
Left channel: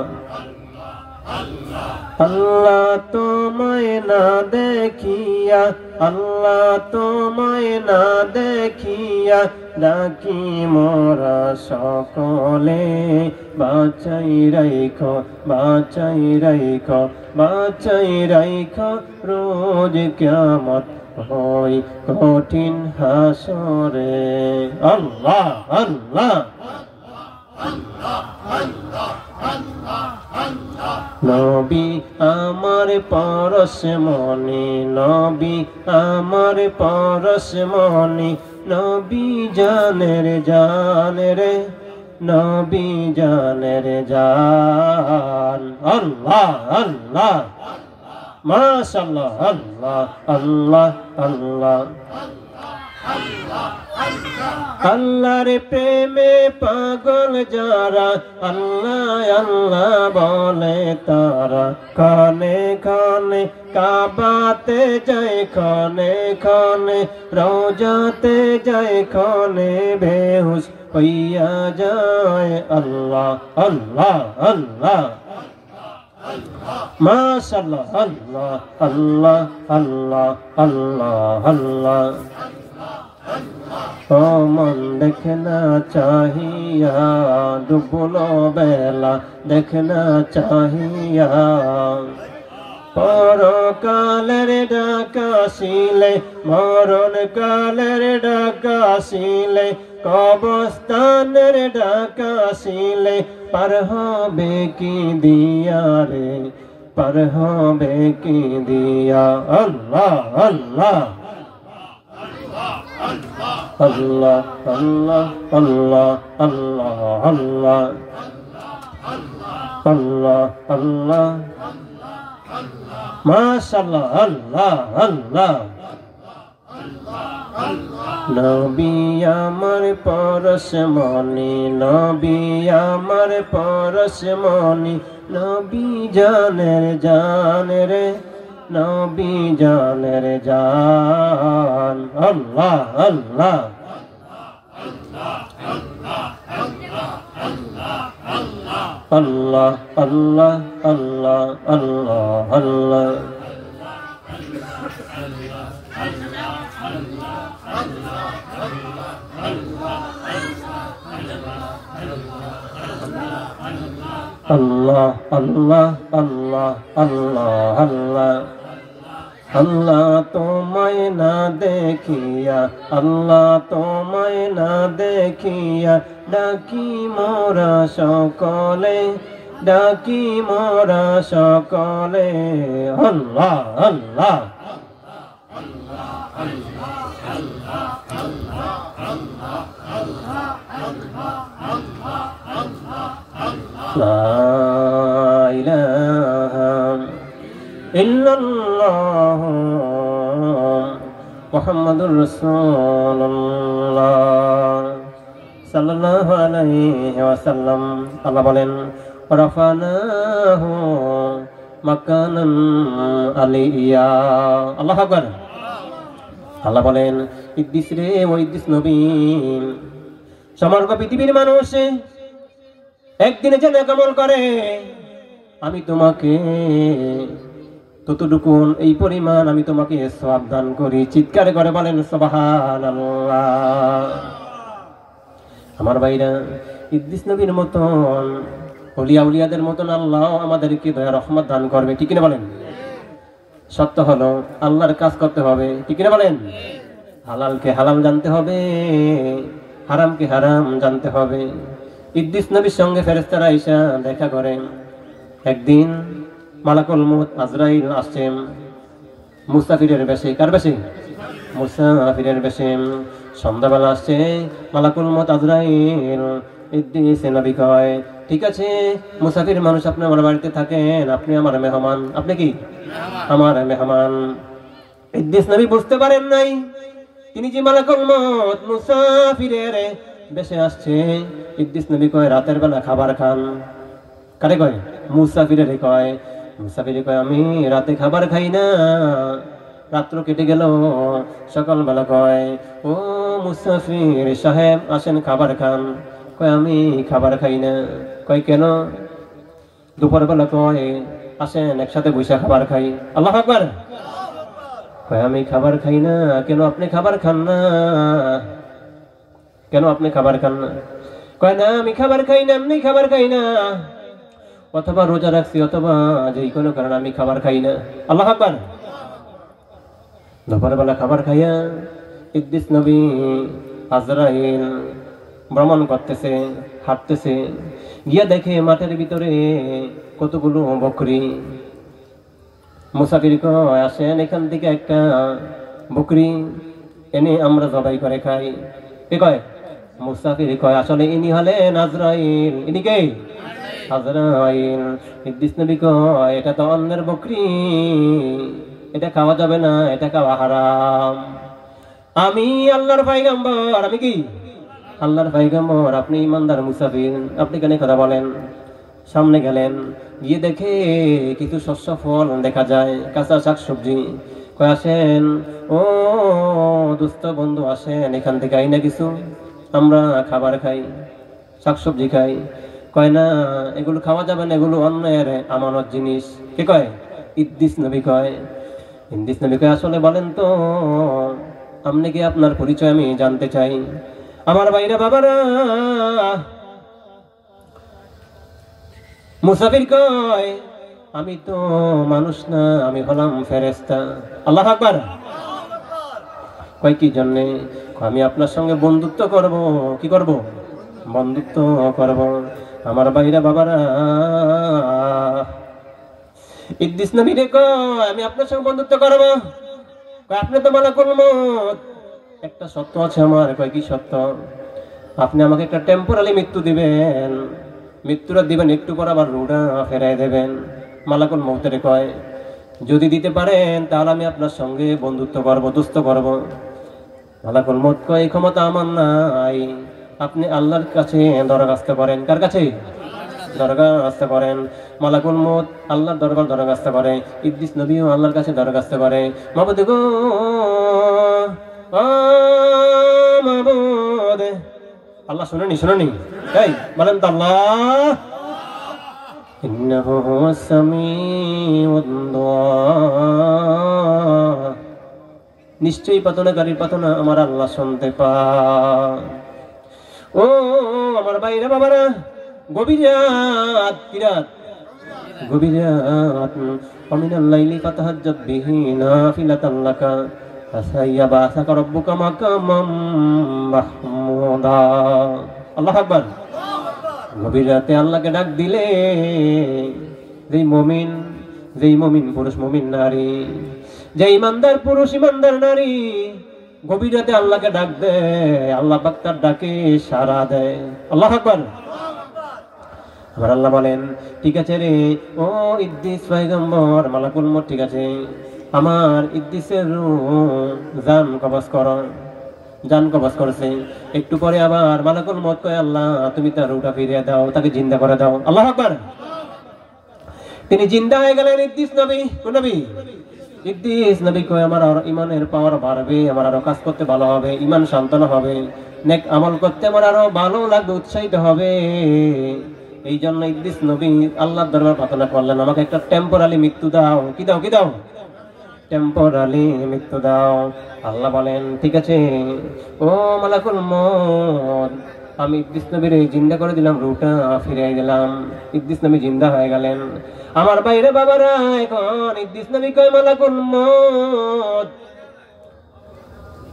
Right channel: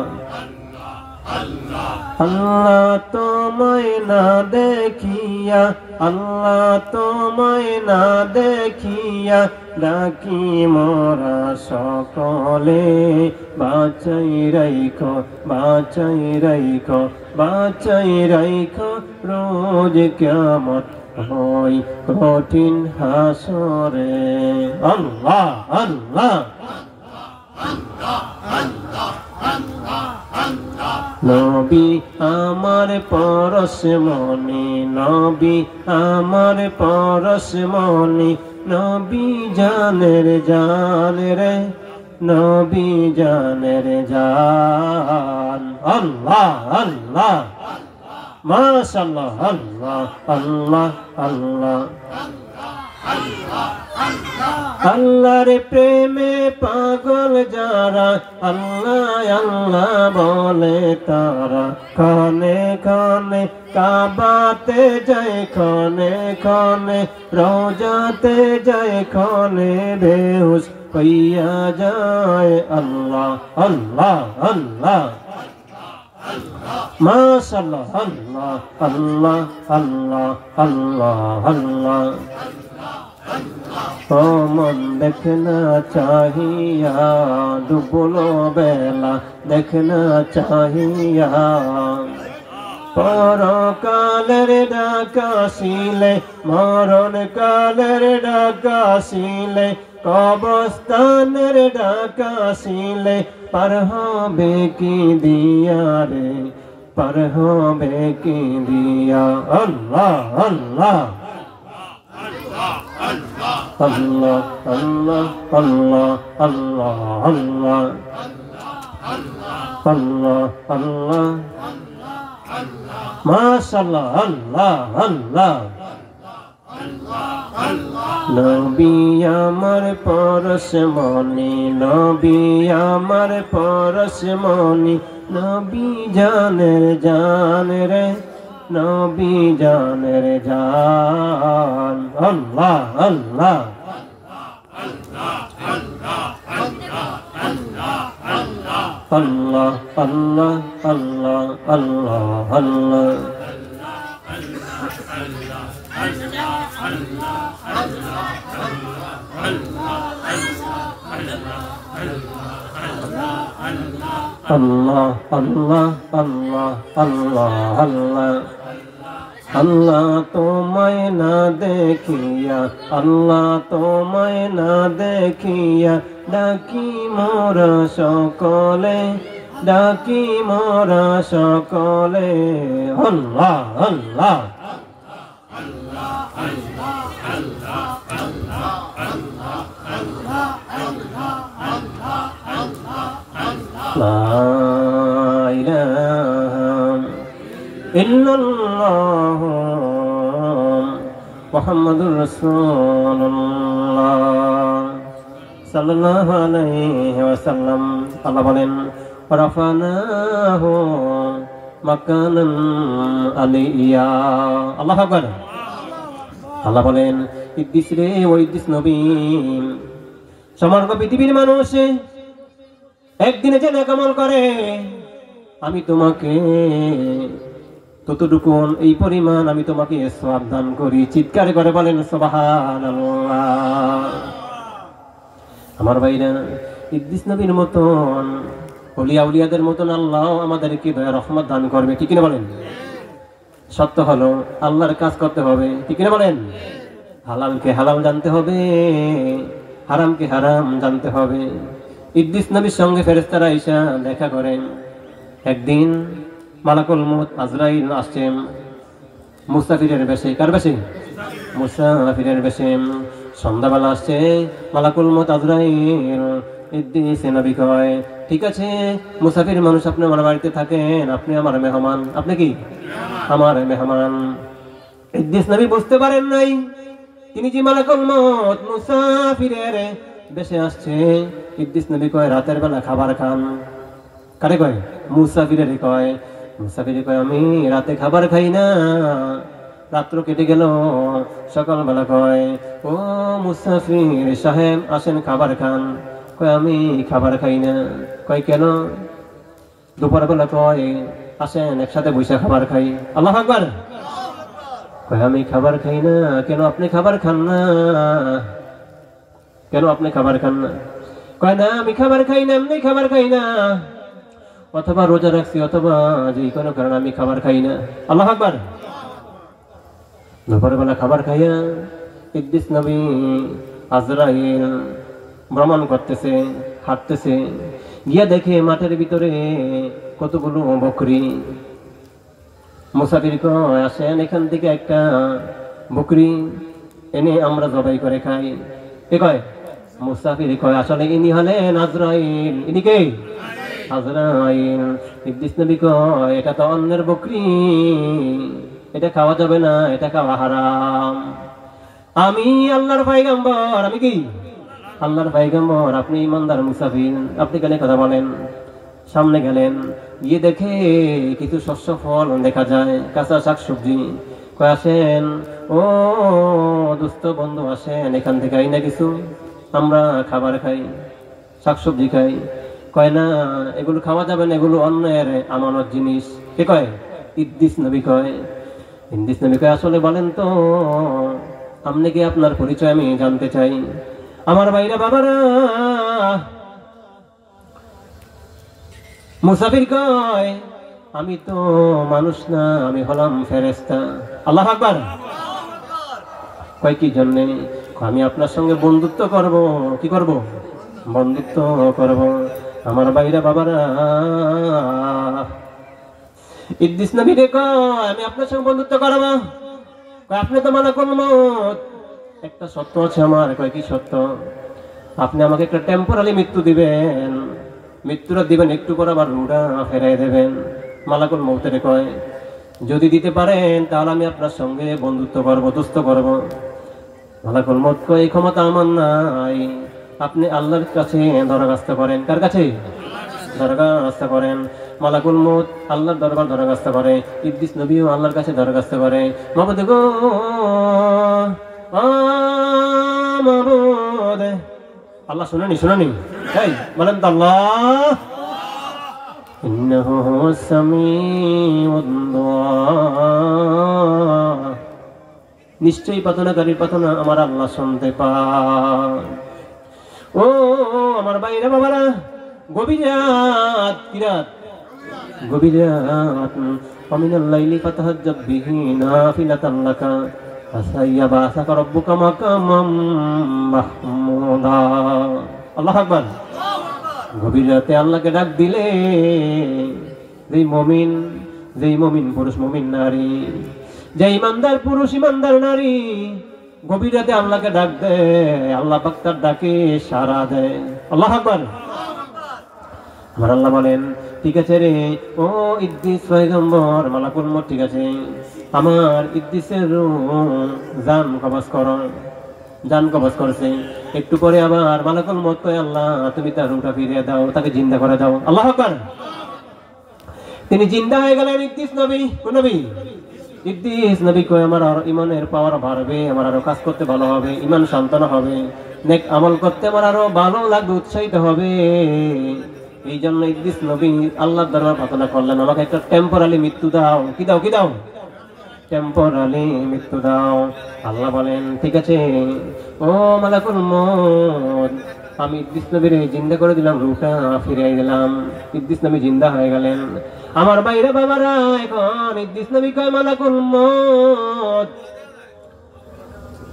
আল্লাহ তোমায় না দেখিয়া, আল্লাহ তোমায় না দেখিয়া ডাকি মোরা সকলে। বাঁচাই রাইখো, বাঁচাই রাইখো, বাঁচাই রাইখো রোজ কিয়ামত হয় কঠিন হাসরে। আল্লাহ আল্লাহ। নবী আমার পরশমণি, নবী আমার পরশমণি, নবী জানের জান রে, নবী জানের জান। আল্লাহ আল্লাহ মাশাআল্লাহ। আল্লাহ আল্লাহ আল্লাহ। আল্লাহর প্রেমে পাগল যারা, আল্লাহ আল্লাহ বলে তারা। খানে খানে কাবাতে যায়, খানে খানে রওজাতে যায়, খানে বেহুশ হইয়া যায়। আল্লাহ আল্লাহ আল্লাহ মাশাআল্লাহ। আল্লাহ আল্লাহ আল্লাহ আল্লাহ আল্লাহ। ও মন দেখনা চাহিয়া, ডুবলো বেলা দেখনা চাহিয়া। পরকালের ডাকাশিলে, মরণ কালের ডাকাশিলে, কবরস্থানের ডাকাশিলে, পার হবে কি দিয়া রে, পার হবে কি দিয়া। আল্লাহ আল্লাহ আল্লাহ আল্লাহ আল্লাহ আল্লাহ আল্লাহ আল্লাহ আল্লাহ মাশাআল্লাহ। আল্লাহ আল্লাহ। নবী আমার পরশমণি, নবী আমার পরশমণি, নবী জানের জান রে, নবী জানের জান। আল্লাহ আল্লাহ আল্লাহ আল্লাহ আল্লাহ আল্লাহ আল্লাহ। আল্লাহ আল্লাহ আল্লাহ আল্লাহ আল্লাহ। আল্লাহ তোমায় না দেখিয়া, আল্লাহ তোমায় না দেখিয়া ডাকি মোরা সকলে, ডাকি মোরা সকলে। আল্লাহ আল্লাহ লা ইলাহা ইল্লাল্লাহ মুহাম্মাদুর রাসূলুল্লাহ সাল্লাল্লাহু আলাইহি ওয়াসাল্লাম। আল্লাহ বলেন রাফানাহু মাকানান আলিয়া। আল্লাহু আকবার। আল্লাহ বলেন, ইদ্রিস রে, ও ইদ্রিস নবী, সমগ্র পৃথিবীর মানুষ একদিনে যে নেক আমল করে, আমি তোমাকে ততটুকু এই পরিমাণ আমি তোমাকে সওয়াব দান করি। চিৎকারে করে বলেন সুবহানাল্লাহ। আমার ভাইরা, ইদ্রিস নবীর মতন ওলিয়া উলিয়াদের মতন আল্লাহ আমাদেরকে দয়া রহমত দান করবে, ঠিক কিনা বলেন? সত্য হলো আল্লাহর কাজ করতে হবে, ঠিক কিনা বলেন? হালালকে হালাল জানতে হবে, হারামকে হারাম জানতে হবে। ইদ্রিস নবীর সঙ্গে ফেরেশতারা এসে দেখা করেন। একদিন মালাকুল মউত আজরাইল আসছেন মুসাফিরের বেশে। কার বেশে? মুসাফিরের বেশে। সন্ধ্যাবেলা আসছে মালাকুল মউত আজরাইল। ইদ্রিস নবী কয়, ঠিক আছে মুসাফির মানুষ, আপনি আমার বাড়িতে থাকেন, আপনি আমার মেহমান। আপনি কি আমার মেহমান? ইদ্রিস নবী বুঝতে পারেন নাই তিনি যে মালাকুল মউত মুসাফিরের বেশে আসছে। ইদ্রিস নবী কয়, রাতের বেলা খাবার খান। কারে কয়? মুসাফিরের কয়। মুসাফির কয়, আমি রাতে খাবার খাই না। রাত্র কেটে গেল, সকালবেলা কয়, ও মুসাফির সাহেব আসেন খাবার খান। কয়, আমি খাবার খাই না। কয়, কেন? দুপুরবেলা কয়, আসেন একসাথে বৈশা খাবার খাই। আল্লাহু আকবার। কয়, আমি খাবার খাই না। কেন আপনি খাবার খান না? কেন আপনি খাবার খান না? কয়, না আমি খাবার খাই না, এমনি খাবার খাই না, অথবা রোজা রাখছি, অথবা যে কোনো কারণে আমি খাবার খাই না। আল্লাহু আকবার। দুপুরবেলা খাবার খাইয়া ইদ্রিস নবী আজরাইল ভ্রমণ করতেছে, হাঁটতেছে, গিয়া দেখে মাঠের ভিতরে কতগুলো বকরি। মুসাফির কয়, আসেন এখান থেকে একটা বকরি এনে আমরা জবাই করে খাই। কে কয়? মুসাফির কয়, আসলে ইনি হলেন আজরাইল। ইনি কে? আজরাইল। ইদ্রিস নবী কয়, এটা তো অন্যের বকরি, এটা খাওয়া যাবে না, এটা খাওয়া হারাম। আমি আল্লাহর পয়গম্বর। আমি কি? আল্লাহর পয়গম্বর। আপনি ইমানদার মুসাফির, আপনি কেন কথা বলেন? সামনে গেলেন, গিয়ে দেখে কিছু শস্য ফল দেখা যায়, কাঁচা শাক সবজি। কয়, আসেন ও দুস্থ বন্ধু, আসেন এখান থেকে আইনা কিছু আমরা খাবার খাই, শাকসবজি খাই। কয়, না এগুলো খাওয়া যাবে না, এগুলো অন্যের আমানত জিনিস। কে কয়? ইদ্রিস নবী কয়। ইদ্রিস নবী কয়, আসলে বলেন তো আপনি কি, আপনার পরিচয় আমি জানতে চাই। আমার ভাইরা বাবারা, মুসাফির কয়, আমি তো মানুষ না, আমি হলাম ফেরেশতা। আল্লাহু আকবার। কয়, কি জন্যে? আমি আপনার সঙ্গে বন্ধুত্ব করব। কি করব? বন্ধুত্ব করব। আমার ভাইরা বাবারা, ইদ্রিস নবী রে কয়, আমি আপনার সঙ্গে বন্ধুত্ব করব। কয়, আপনি তো মালাকুল মউত, একটা সত্য আছে আমার। কয়, কি সত্য? আপনি আমাকে একটা টেম্পোরারি মৃত্যু দিবেন, মৃত্যুটা দিবেন, একটু পর আবার রুটা ফেরাই দেবেন। মালাকুল মউতের কয়, যদি দিতে পারেন তাহলে আমি আপনার সঙ্গে বন্ধুত্ব করবো, দোস্ত করবো। মালাকুল মউত কয়, এই ক্ষমতা আমার নাই, আপনি আল্লাহর কাছে দরখাস্ত করেন। কার কাছে? দরখাস্ত করেন। মালাকুল মউত আল্লাহর দরবার দরখাস্ত করে, ইদ্রিস নবীও আল্লাহর কাছে দরখাস্ত করে, মাবুদ গো, মাবুদ। আল্লাহ শুনেনি? শুনেনি? এই বলেন তো আল্লাহ। ইন্নাহু হুয়াস সামিউদ দুআ। নিশ্চয়ই প্রার্থনাকারীর প্রার্থনা আমার আল্লাহ শুনতে পান। ও আমার ভাইরা বাবারা, গভীর রাত, কি রাত? গভীর রাত। ওয়ামিনাল লাইলি ফাতাহাজ্জাব বিহি নাফিলাতান লাকা আসা ইয়াবাসাকা রাব্বুকা মাকামাম মাহমুদা। আল্লাহু আকবার। গভীর রাতে আল্লাহকে ডাক দিলে যেই মুমিন পুরুষ, মুমিন নারী, যে ইমানদার পুরুষ, ইমানদার নারী গভীর রাতে আল্লাহকে ডাক দেয়, আল্লাহ পাক তার ডাকে সাড়া দেয়। আল্লাহু আকবার। আমার আল্লাহ বলেন, ঠিক আছে রে ও ইদ্রিস পয়গম্বর, মালাকুল মউত, ঠিক আছে, আমার ইদ্রিসের জান কবজ করো। জান কবজ করছে। একটু পরে আবার মালাকুল মউত কয়, আল্লাহ তুমি তার রূহটা ফিরিয়ে দাও, তাকে জিন্দা করে দাও। আল্লাহু আকবার। তিনি জিন্দা হয়ে গেলেন। ইদ্রিস নবী, কোন নবী? ইদ্রিস নবী কই আমার আর ইমানের পাওয়ার বাড়বে, আমার আরো কাজ করতে ভালো হবে, ইমান শান্তনা হবে, নেক আমল করতে আমার আরো ভালো লাগবে, উৎসাহিত হবে। এই জন্য ইদ্রিস নবী আল্লাহর দরবারে প্রার্থনা করলেন, আমাকে একটা টেম্পোরারি মৃত্যু দাও। কি দাও? কি দাও? টেম্পোরারি মৃত্যু দাও। আল্লাহ বলেন ঠিক আছে, ও মালাকুল মউত, আমি ইদ্রিস নবীর জিন্দা করে দিলাম, রূহটা ফিরিয়ে দিলাম। ইদ্রিস নবী জিন্দা হয়ে গেলেন। আমার বাইরে বাবারা, এখন ইদ্রিস নবী কয় মালাকুল মউত,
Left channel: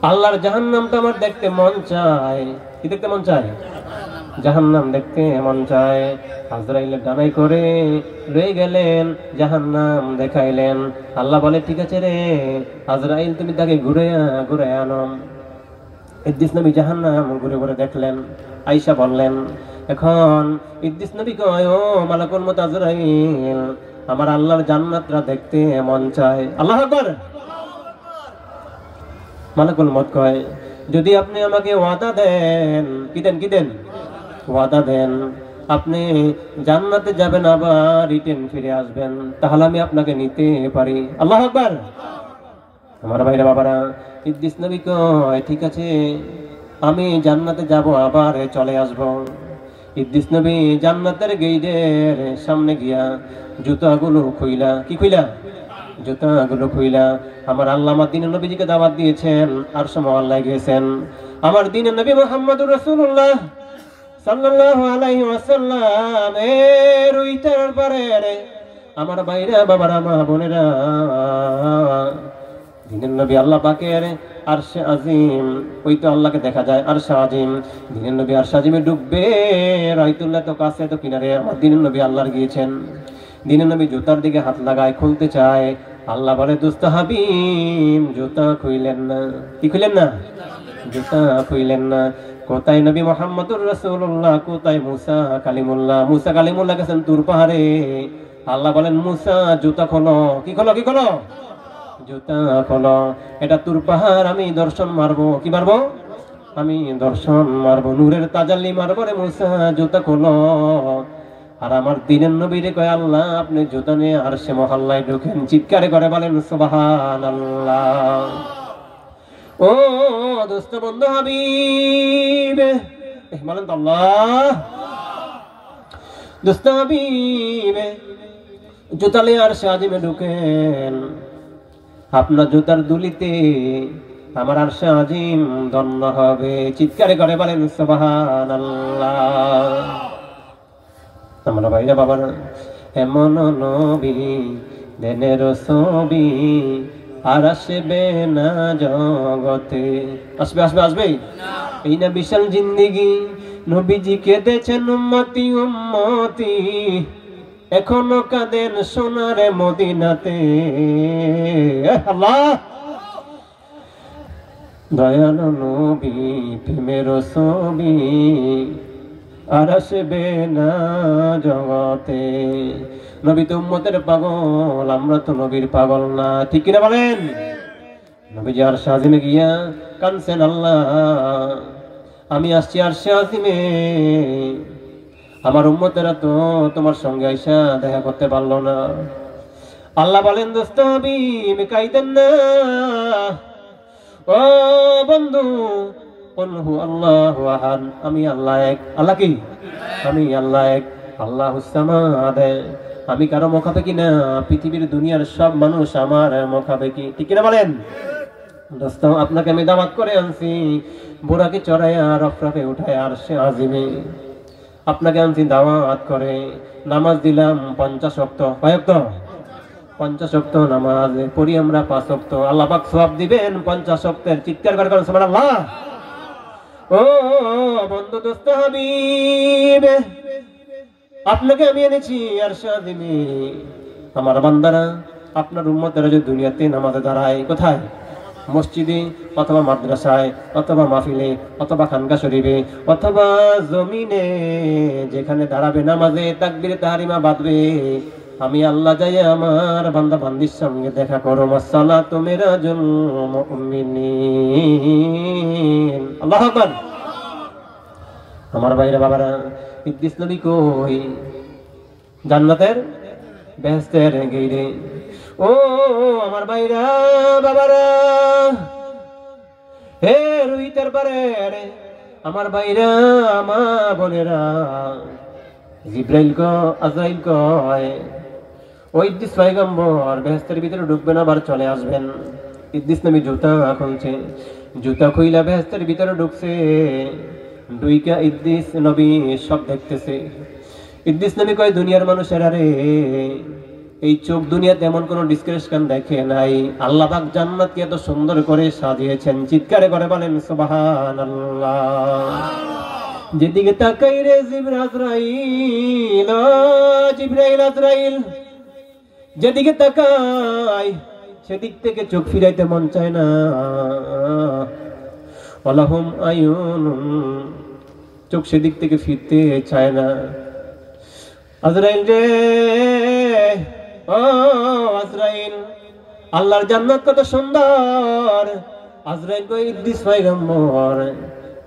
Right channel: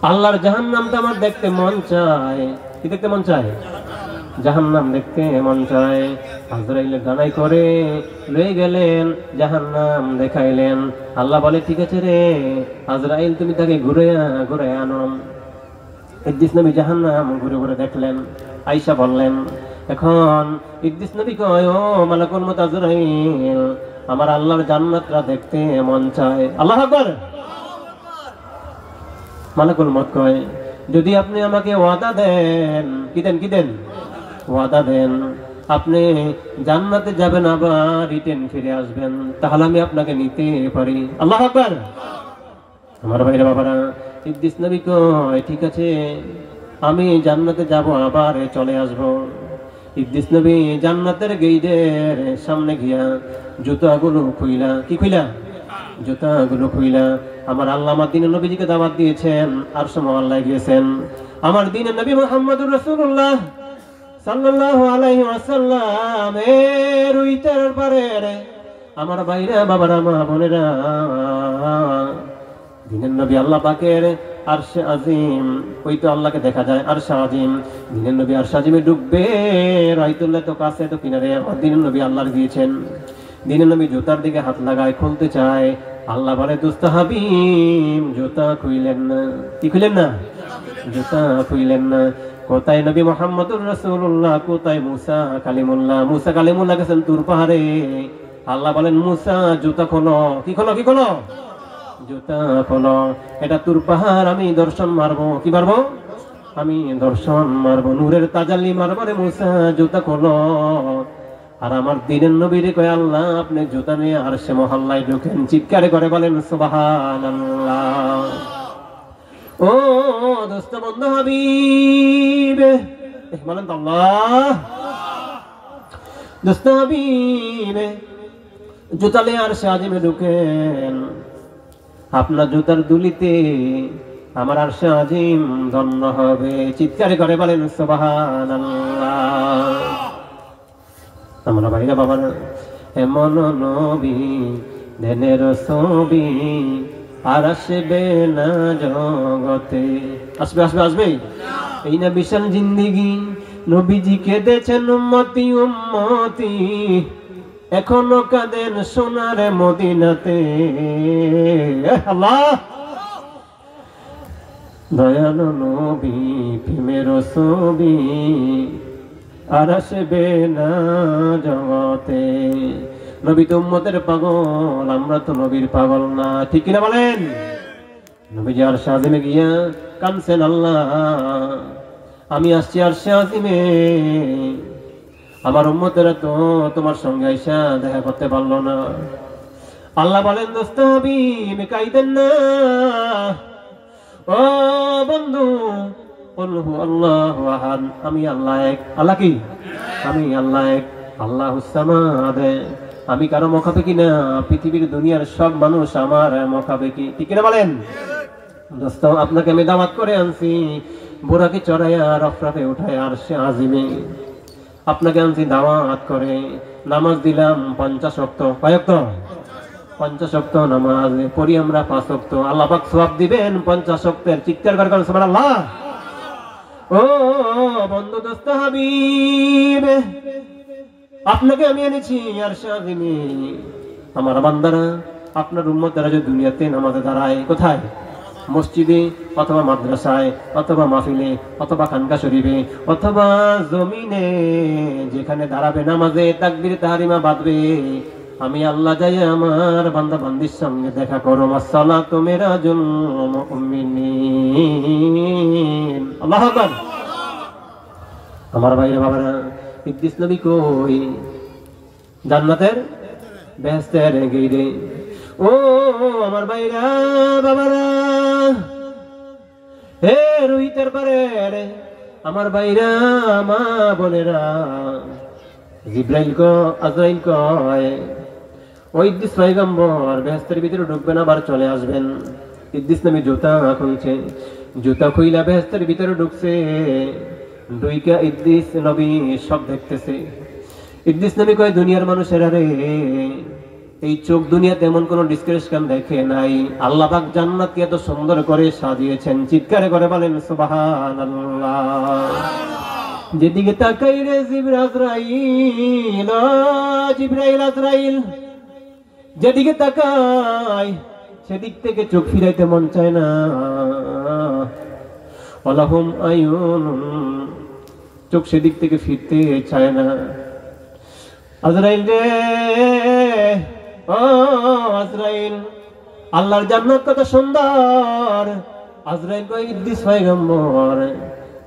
আল্লাহর জাহান্নামটা আমার দেখতে মন চায়। কি দেখতে মন চায়? জাহান্নাম দেখতে মন চায়। আজরাইলের ডানাই করে রয়ে গেলেন, জাহান্নাম দেখাইলেন। আল্লাহ বলে ঠিক আছে রে আজরাইল, তুমি তাকে ঘুরে আনো। ইদ্রিস নবী জাহান্নাম ঘুরে ঘুরে দেখলেন, আয়েশা বললেন, এখন ইদ্রিস নবী কয়, ও মালাকুল মউত আজরাইল, আমার আল্লাহর জান্নাতটা দেখতে মন চায়। আল্লাহু আকবার। মালাকুল মউত কয়, যদি আপনি আমাকে ওয়াদা দেন, কি দেন? কি দেন? ওয়াদা দেন, আপনি জান্নাতে যাবেন, আবার রিটার্ন ফিরে আসবেন, তাহলে আমি আপনাকে নিতে পারি। আল্লাহু আকবার। আমার ভাইরা বাবারা, ইদ্রিস নবী কয় ঠিক আছে, আমি জান্নাতে যাব, আবার চলে আসব। ইদ্রিস নবী জান্নাতের গেইটের সামনে গিয়া জুতাগুলো খুইলা, কি খুইলা? জুতাগুলো খুইলা, আমার আল্লাহ আমার দ্বীনের নবীজিকে দাওয়াত দিয়েছেন, আরশ মহল্লায় গিয়েছেন। আমার দ্বীনের নবী মুহাম্মদুর রাসূলুল্লাহ সাল্লাল্লাহু আলাইহি ওয়াসাল্লাম এর উইটার পারে আমার ভাইরা বাবারা মা বোনেরা, দ্বীনের নবী আল্লাহ পাকের আরশে আজিম, ওই তো আল্লাহকে দেখা যায় আরশে আজিম। দ্বীনের নবী আরশে আজিমে ডুববে, রাইতুল্লাহ তো কাছে তো কিনারে, দ্বীনের নবী আল্লাহর গিয়েছেন। দ্বীনের নবী জুতার দিকে হাত লাগায়, খুলতে চায়। আল্লাহ বলে দোস্ত হাবিব, জুতা খুইলেন না। কি খুইলেন না? জুতা খুইলেন না। কোথায় নবী মুহাম্মদুর রাসূলুল্লাহ, কোথায় মুসা কালিমুল্লাহ? মুসা কালিমুল্লাহ গেছেন তুর পাহাড়ে। আল্লাহ বলেন মুসা জুতা খোলো। কি খোলো? কি খোলো? জুতা খোলো। এটা তুর পাহাড়, আমি দর্শন মারবো। কি মারবো? আমি দর্শন মারবো, নূরের তাজাল্লি মারবো রে মুসা, জুতা খোলো। আর আমার দ্বীনের নবীরে কয়, আল্লাহ আপনি জুতা নিয়ে আরশে মহল্লায় ঢুকেন। চিৎকারে করে বলেন সুবহানাল্লাহ। ও দোস্ত বন্ধু হাবিব, বলেন তো আল্লাহ। দোস্ত হাবিব জুতা নিয়ে আরশে আজিমে ঢুকেন, আপনার জুতার দুলিতে আমার আরশে আজিম ধন্য হবে। চিৎকারে করে বলেন সুবহানাল্লাহ। আমার ভাইরা বাবারা, এমন নবী দেনের ছবি আর আসবে না জগতে। আসবে আসবে আসবে, এই না বিশাল জিন্দেগি, নবীজি কেঁদেছেন উম্মতি উম্মতি, এখনো কাঁদেন সোনার মদিনাতে। আল্লাহ দয়ালু নবী প্রেমের ছবি আর আসবে না জগতে। নবী তো উম্মতের পাগল, আমরা তো নবীর পাগল না। ঠিক কিনা বলেন? নবীজি আরশে আজিমে গিয়া কাঁদছেন, আল্লাহ আমি আসছি আরশে আজিমে, আমার উম্মতেরা তো তোমার সঙ্গে আইসা দেখা করতে পারলো না। আল্লাহ বলেন দোস্ত হাবিব কাইদেন না। ও বন্ধু, আমি আল্লাহ এক। আল্লাহ কি? আমি আল্লাহ এক, আল্লাহুস সামাদ। আমি কারো মুখাপেক্ষী না, পৃথিবীর দুনিয়ার সব মানুষ আমার মুখাপেক্ষী। ঠিক না বলেন? দোস্ত আপনাকে আমি দাওয়াত করে আনছি, বোরাকে চড়াইয়া রফরাফে উঠায় আরশে আজিমে আপনাকে আনছি দাওয়াত করে। নামাজ দিলাম 50 ওয়াক্ত। কয় ওয়াক্ত? 50 ওয়াক্ত নামাজ পড়ি আমরা 5 ওয়াক্ত। আল্লাহ পাক সওয়াব দিবেন 50 ওয়াক্তের। চিৎকার করে বলেন সুবহানাল্লাহ। ও বন্ধু দোস্ত হাবিব, আপনাকে আমি এনেছি আরশে আজিমে। আমার বান্দারা, আপনার উম্মতেরা যদি দুনিয়াতে নামাজে দাঁড়ায়, কোথায়? মসজিদে অথবা মাদ্রাসায় অথবা মাহফিলে অথবা খানকা শরীফে অথবা জমিনে, যেখানে দাঁড়াবে নামাজে তাকবীরে তাহরিমা বাঁধবে, আমি আল্লাহ যাই আমার বান্দা বান্দির সঙ্গে দেখা করো। আসসালাতু মিরাজুল মুমিনিন। আল্লাহু আকবার। আমার ভাইরা বাবারা, ইদ্রিস নবী কই? জান্নাতের বেহেশতের গেইটে। ও আমার ভাইরা বাবারা, হে রুহিতের পারে আমার ভাইরা মা বোনেরা, জিব্রাইল আজরাইল কয় ওই ইদ্রিস পয়গম্বর বেহেশতের ভিতরে ঢুকবেন, আবার চলে আসবেন। ইদ্রিস নবী জুতা খুলছে, জুতা খুইলা বেহেশতের ভিতরে ঢুকছে। দুইকা ইদ্রিস নবী সব দেখতেছে। ইদ্রিস নবী কয় দুনিয়ার মানুষের আরে এই চোখ দুনিয়াতে এমন কোন ডিসক্রিপশন দেখে নাই। আল্লাহ পাক জান্নাতকে এত সুন্দর করে সাজিয়েছেন, চিৎকারে করে বলেন সুবহানাল্লাহ। যেদিকে তাকাই রে জিবরাইল আজরাইল, যেদিকে তাকাই সেদিক থেকে চোখ ফিরাইতে মন চায় না। ওয়ালাহুম আয়ুন, চোখ সেদিক থেকে ফিরতে চায় না। আজরাইল রে, ও আজরাইল, আল্লাহর জান্নাত কত সুন্দর। আজরাইল কয় ইদ্রিস পয়গম্বর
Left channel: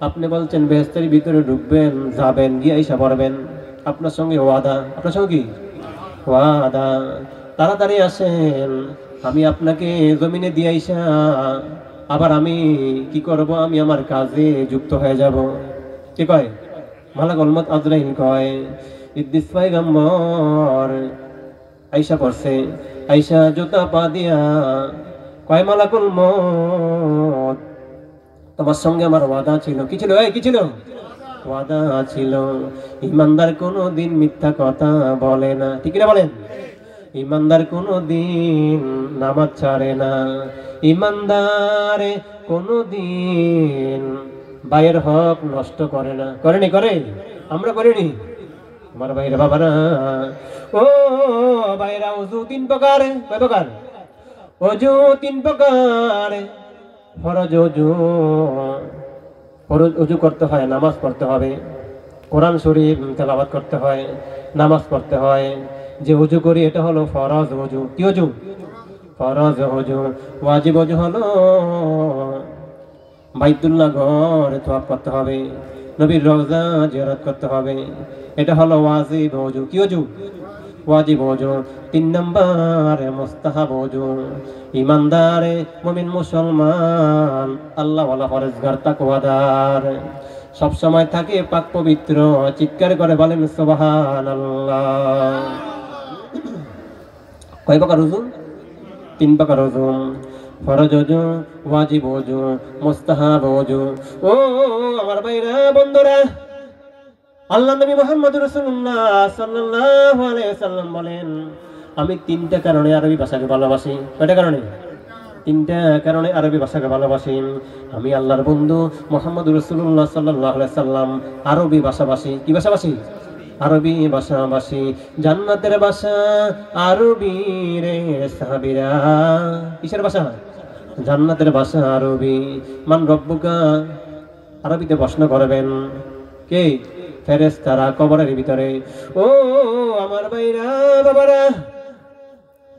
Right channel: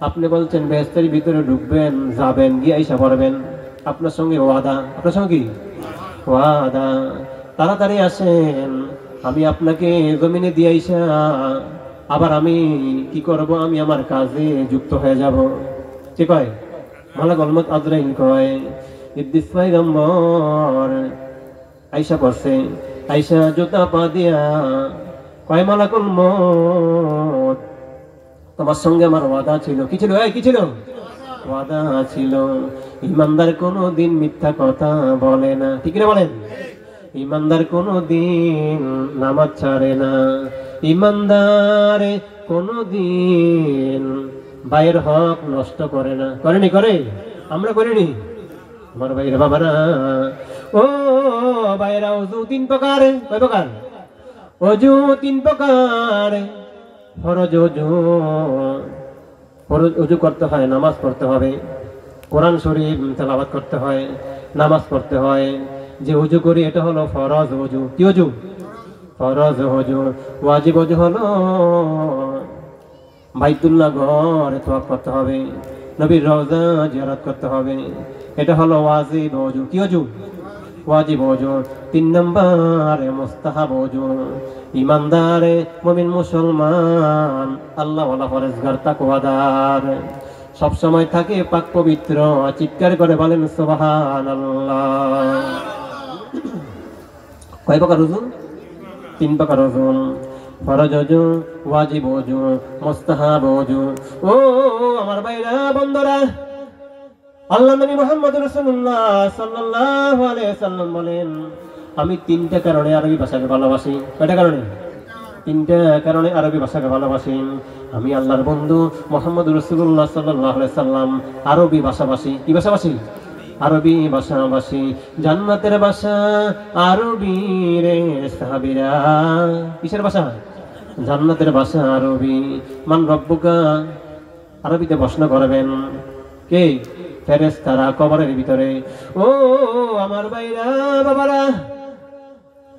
আপনি বলছেন বেহেশতের ভিতরে ঢুকবেন, যাবেন, গিয়ে আইসা পড়বেন, আপনার সঙ্গে ওয়াদা। আপনার সঙ্গে কি ওয়াদা? তাড়াতাড়ি আসেন, আমি আপনাকে জমিনে দিয়ে আইসা আবার আমি কি করব, আমি আমার কাজে যুক্ত হয়ে যাব। কি কয় মালাকুল মউত? আজরাইল কয় ইদ্রিস পয়গম্বর আইসা পড়ছে, আইসা জুতা পা দিয়া কয় মালাকুল মউত তোমার সঙ্গে আমার ওয়াদা ছিল। কি ছিল? কি ছিল? ওয়াদা ছিল। ইমানদার কোনদিন মিথ্যা কথা বলে না, ঠিক না বলেন? ইমানদার কোনদিন নামাজ ছাড়ে না, ইমানদারে কোনদিন ভাইয়ের হক নষ্ট করে না। করেনি? করে? আমরা করিনি? আমার ভাইয়ের বাবারা, ও ভাইয়েরা, ওযু 3 প্রকার। কয় প্রকার? ওযু 3 প্রকার। ফরজ ওযু করতে হয়, নামাজ পড়তে হবে, কোরআন শরীফ তেলাওয়াত করতে হয়, নামাজ পড়তে হয়। যে ওযু করি এটা হলো ফরজ ওযু। কি ওযু? ফরজ ওযু। ওয়াজিব ওযু হলো বাইতুল্লাহ ঘর তওয়াফ করতে হবে, নবীর রওজা জিয়ারত করতে হবে, এটা হলো ওয়াজিব ওযু। কি ওযু? ওয়াজিব ওযু। 3 নাম্বার মুস্তাহাব ওযু। ইমানদার মুমিন মুসলমান আল্লাহ ওয়ালা পরহেজগার তাকওয়াদার সব সময় থাকে পাক পবিত্র। চিৎকার করে বলেন সুবহানাল্লাহ। কয় প্রকার ওযু? 3 প্রকার ওযু। ফরজ ওযু, ওয়াজিব ওযু, মুস্তাহাব ওযু। ও আমার ভাইরা বন্ধুরা, আল্লাহ নবী মুহাম্মদ রাসূলুল্লাহ সাল্লাল্লাহু আলাইহি ওয়াসাল্লাম বলেন আমি 3টা কারণে আরবি ভাষাকে ভালোবাসি। কয়টা কারণে? 3টা কারণে আরবি ভাষাকে ভালোবাসি। আমি আল্লাহর বন্ধু মুহাম্মদ রাসূলুল্লাহ সাল্লাল্লাহু আলাইহি ওয়াসাল্লাম আরবি ভাষাভাষী। কি ভাষাভাষী? আরবি ভাষাভাষী। জান্নাতের ভাষা আরবি রে সাহাবীরা। কিসের ভাষা? জান্নাতের ভাষা আরবি। মান রব্বুকা আরবিতে প্রশ্ন করবেন কে? ফেরেশতারা কবরের ভিতরে। ও আমার ভাইরা বাবারা,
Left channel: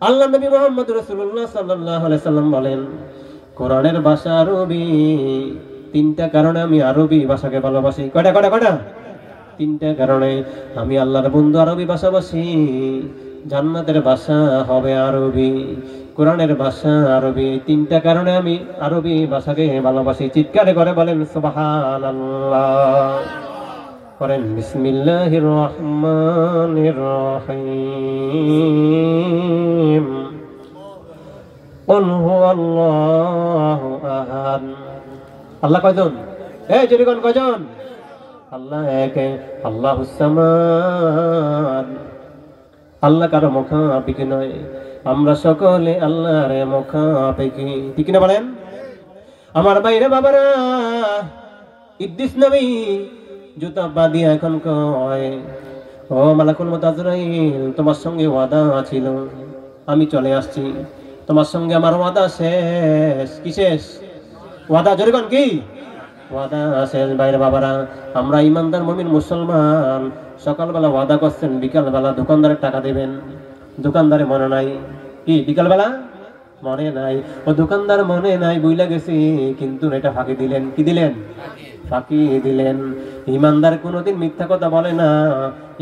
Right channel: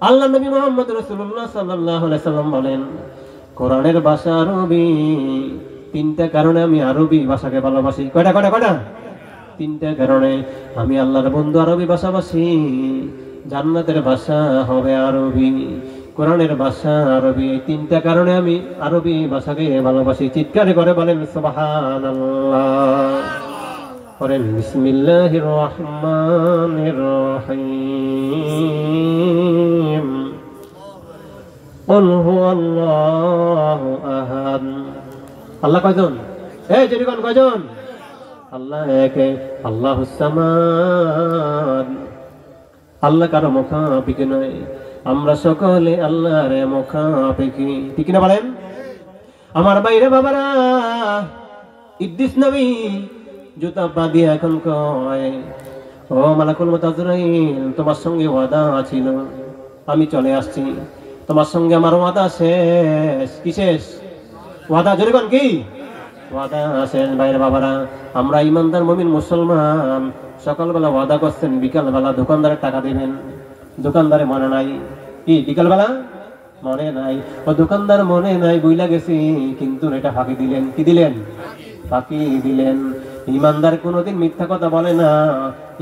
আল্লাহ নবী মুহাম্মদ রাসূলুল্লাহ সাল্লাল্লাহু আলাইহি ওয়াসাল্লাম বলেন কোরআনের ভাষা আরবি। 3টা কারণে আমি আরবি ভাষাকে ভালোবাসি। কয়টা? 3টা কারণে আমি আল্লাহর বন্ধু আরবি ভাষাভাষী। জান্নাতের ভাষা হবে আরবি, কোরআনের ভাষা আরবি। 3টা কারণে আমি আরবি ভাষাকে ভালোবাসি। চিৎকারে করে বলেন সুবহানাল্লাহ। করেন বিসমিল্লাহির রহমানির রহিম। কুল হুয়াল্লাহু আহাদ। আল্লাহ কয়জন? এই জনগণ কয়জন? আল্লাহ এক, আল্লাহুস সামাদ। আল্লাহ কারো মুখাপেক্ষী নয়, আমরা সকলে আল্লাহর মুখাপেক্ষী। ঠিক না বলেন? আমার ভাইরা বাবারা, ইদ্রিস নবী জুতা পা দিয়ে এখন কয় ও মালাকুল মউত আজরাইল, তোমার সঙ্গে ওয়াদা ছিল, আমি চলে আসছি। তোমার সঙ্গে আমার ওয়াদা শেষ। কি শেষ? ওয়াদা। জোরে কোন কি? ওয়াদা শেষ। ভাইরা বাবারা, আমরা ইমানদার মুমিন মুসলমান সকালবেলা ওয়াদা করছেন বিকালবেলা দোকানদারের টাকা দিবেন। দোকানদারে মনে নাই। কি বিকালবেলা মনে নাই? ও দোকানদার মনে নাই, বুইলা গেছি, কিন্তু এটা ফাঁকি দিলেন। কি দিলেন? ফাঁকি দিলেন। ইমানদার কোনোদিন মিথ্যা কথা বলে না,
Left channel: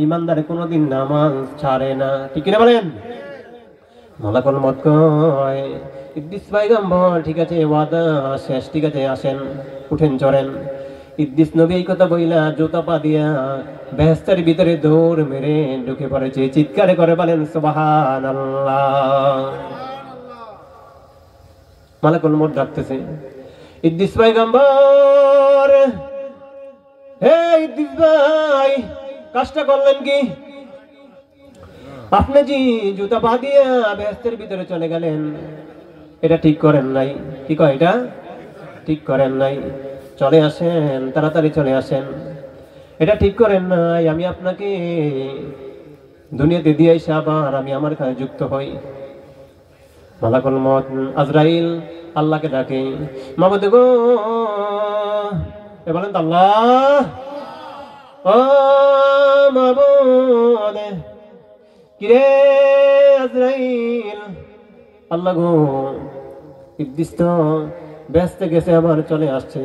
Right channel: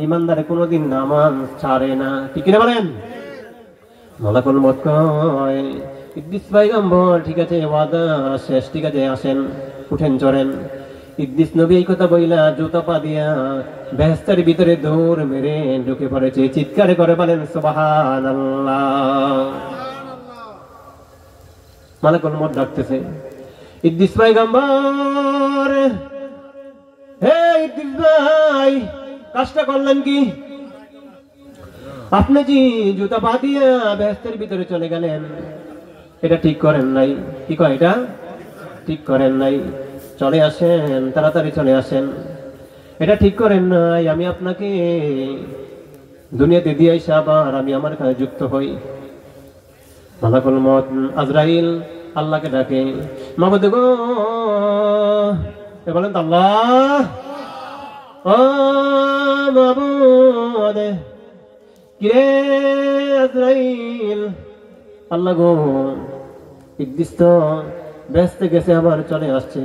ইমানদার কোনোদিন নামাজ ছাড়ে না। ঠিক না বলেন? মালাকুল মউত কয় ইদ্রিস পয়গম্বর ঠিক আছে ওয়াদা শেষ, ঠিক আছে আসেন উঠেন চড়েন। ইদ্রিস নবী এই কথা বইলা জুতা পা দিয়া বেহেশতের ভিতরে দৌড় মেরে ঢুকে পড়েছে। চিৎকারে করে বলেন সুবহানাল্লাহ। মালাকুল মউত ডাকতেছে ইদ্রিস পয়গম্বর, হে ইদ্রিস ভাই কাজটা করলেন কি? আপনি যে জুতা পা দিয়া বেহেশতের ভিতরে চলে গেলেন, এটা ঠিক করেন নাই। কি কয় এটা ঠিক করেন নাই। চলে আসেন, তাড়াতাড়ি চলে আসেন। এটা ঠিক করেন নাই। আমি আপনাকে দুনিয়াতে দিয়ে এসে আবার আমি আমার কাছে যুক্ত হই। মালাকুল মউত আজরাইল আল্লাহকে ডাকে, মাবুদ গো, বলেন তো আল্লাহ, ও মাবুদ, কিরে আজরাইল, আল্লাহ গো, ইদ্রিস তো ব্যস্ত গেছে, আবার চলে আসছে,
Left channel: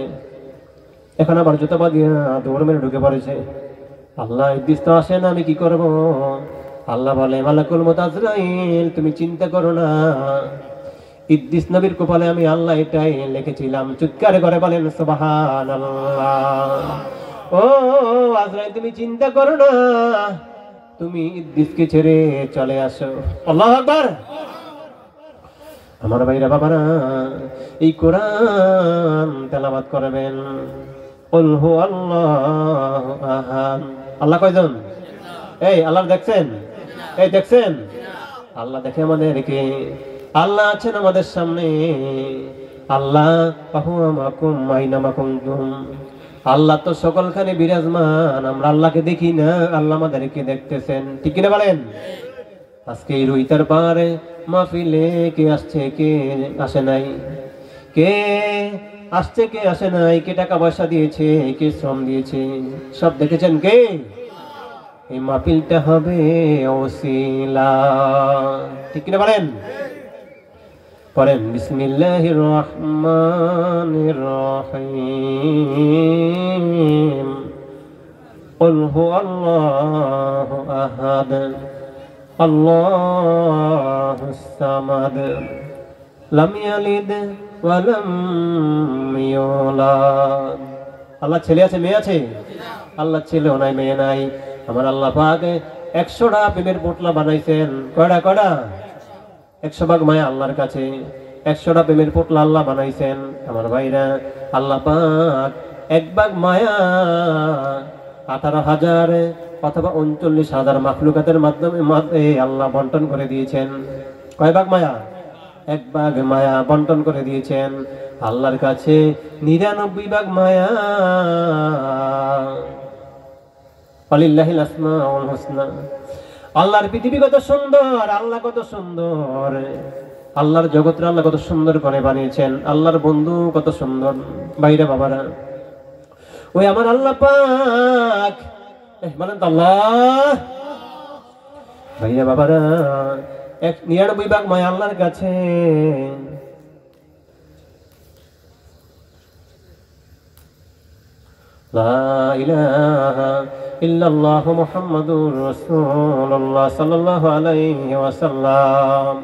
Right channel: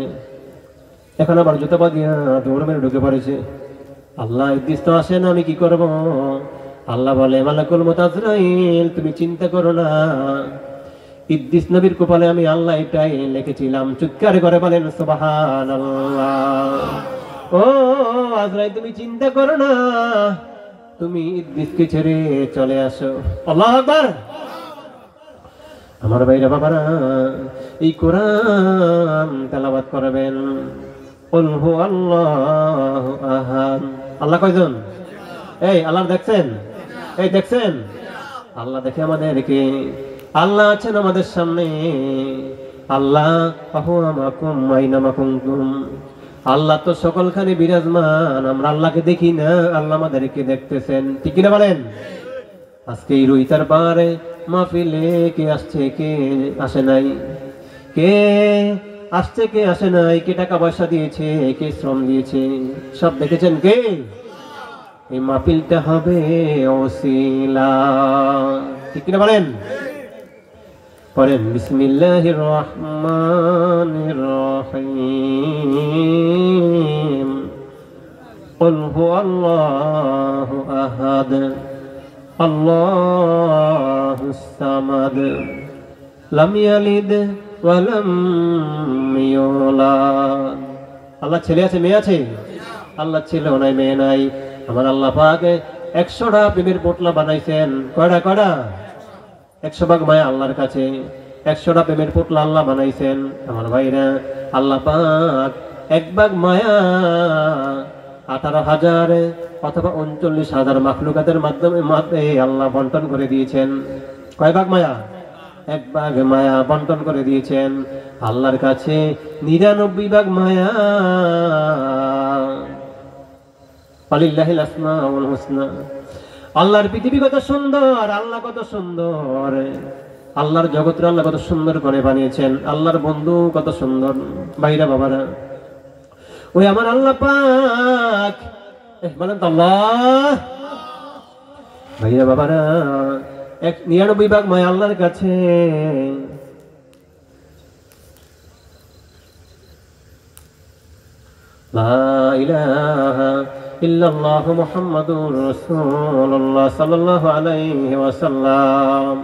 এখন আবার জুতা পা দিয়া দৌড় মেরে ঢুকে পড়েছে। আল্লাহ ইদ্রিস তো আসে না, আমি কি করব? আল্লাহ বলে মালাকুল মউত আজরাইল, তুমি চিন্তা করো না, ইদ্রিস নবীর কপালে আমি আল্লাহ এটাই লিখেছিলাম। চিৎকারে করে বলেন সুবহানাল্লাহ। ও আজরাইল তুমি চিন্তা করো না, তুমি ইদ্রিসকে ছেড়ে চলে আসো। আল্লাহু আকবার। আমার ভাইরা বাবারা, এই কোরআন তেলাওয়াত করবেন। কুল হুয়াল্লাহু আহাদ। আল্লাহ কয়জন? এই আল্লাহ দেখছেন? এই দেখছেন? আল্লাহ দেখে আমাদেরকে। আল্লাহ আছেন আমাদের সামনে। আল্লাহ আহুমাকুম আইনামা কুনতুম। আল্লাহ তো সকলখানে বিরাজমান, আমরা আল্লাহকে দেখি না, আল্লাহ আমাদেরকে দেখতেছেন। ঠিক কিনা বলেন? আজকে এই রুইতার পারে মাহফিলে কে আসছে, কে আসে নাই, কে আসছে, কে আসে নাই, কে টাকা পয়সা দিয়েছে, কে শ্রম দিয়েছে, সব দেখেছেন কে? এই মাহফিলটা হবে ওসিলা। ঠিক কিনা বলেন? পড়েন বিসমিল্লাহির রহমানির রহিম। কুল হুয়াল্লাহু আহাদ আল্লাহুস সামাদ লাম ইয়ালিদ ওয়া লাম ইউলাদ। আল্লাহ ছেলে আছে, মেয়ে আছে? আল্লাহ ছেলে নাই, মেয়ে নাই। আমার আল্লাহ পাক 100টা প্রেমের পোটলা বানাইছেন। কয়টা? কয়টা? 100 ভাগ মায়া আল্লাহর কাছে। 100টা প্রেমের পোটলা আল্লাহ বানাইছেন। আমার ভাইরা, আল্লাহ পাক 1 ভাগ মায়া 18,000 অথবা 39,000 মাখলুকাতের মাধ্যমে আল্লাহ বন্টন করে দিয়েছেন। কয় ভাগ মায়া? 1 ভাগ মায়া বন্টন করে দিয়েছেন। আল্লাহর কাছে 99 ভাগ মায়া। আলিল্লাহিল আসমাউল হুসনা। আল্লাহর পৃথিবী কত সুন্দর, আল্লাহ কত সুন্দর, আল্লাহর জগৎ আল্লাহ কত সুন্দর করে বানিয়েছেন। আল্লাহর বন্ধু কত সুন্দর। ভাইরা বাবারা, ওই আমার আল্লাহ পাক, বলেন তো আল্লাহ। ভাইরা বাবারা, 99 ভাগ মায়া আল্লাহর কাছে। লা ইলাহা ইল্লাল্লাহু মুহাম্মাদুর রাসূলুল্লাহ সাল্লাল্লাহু আলাইহি ওয়াসাল্লাম।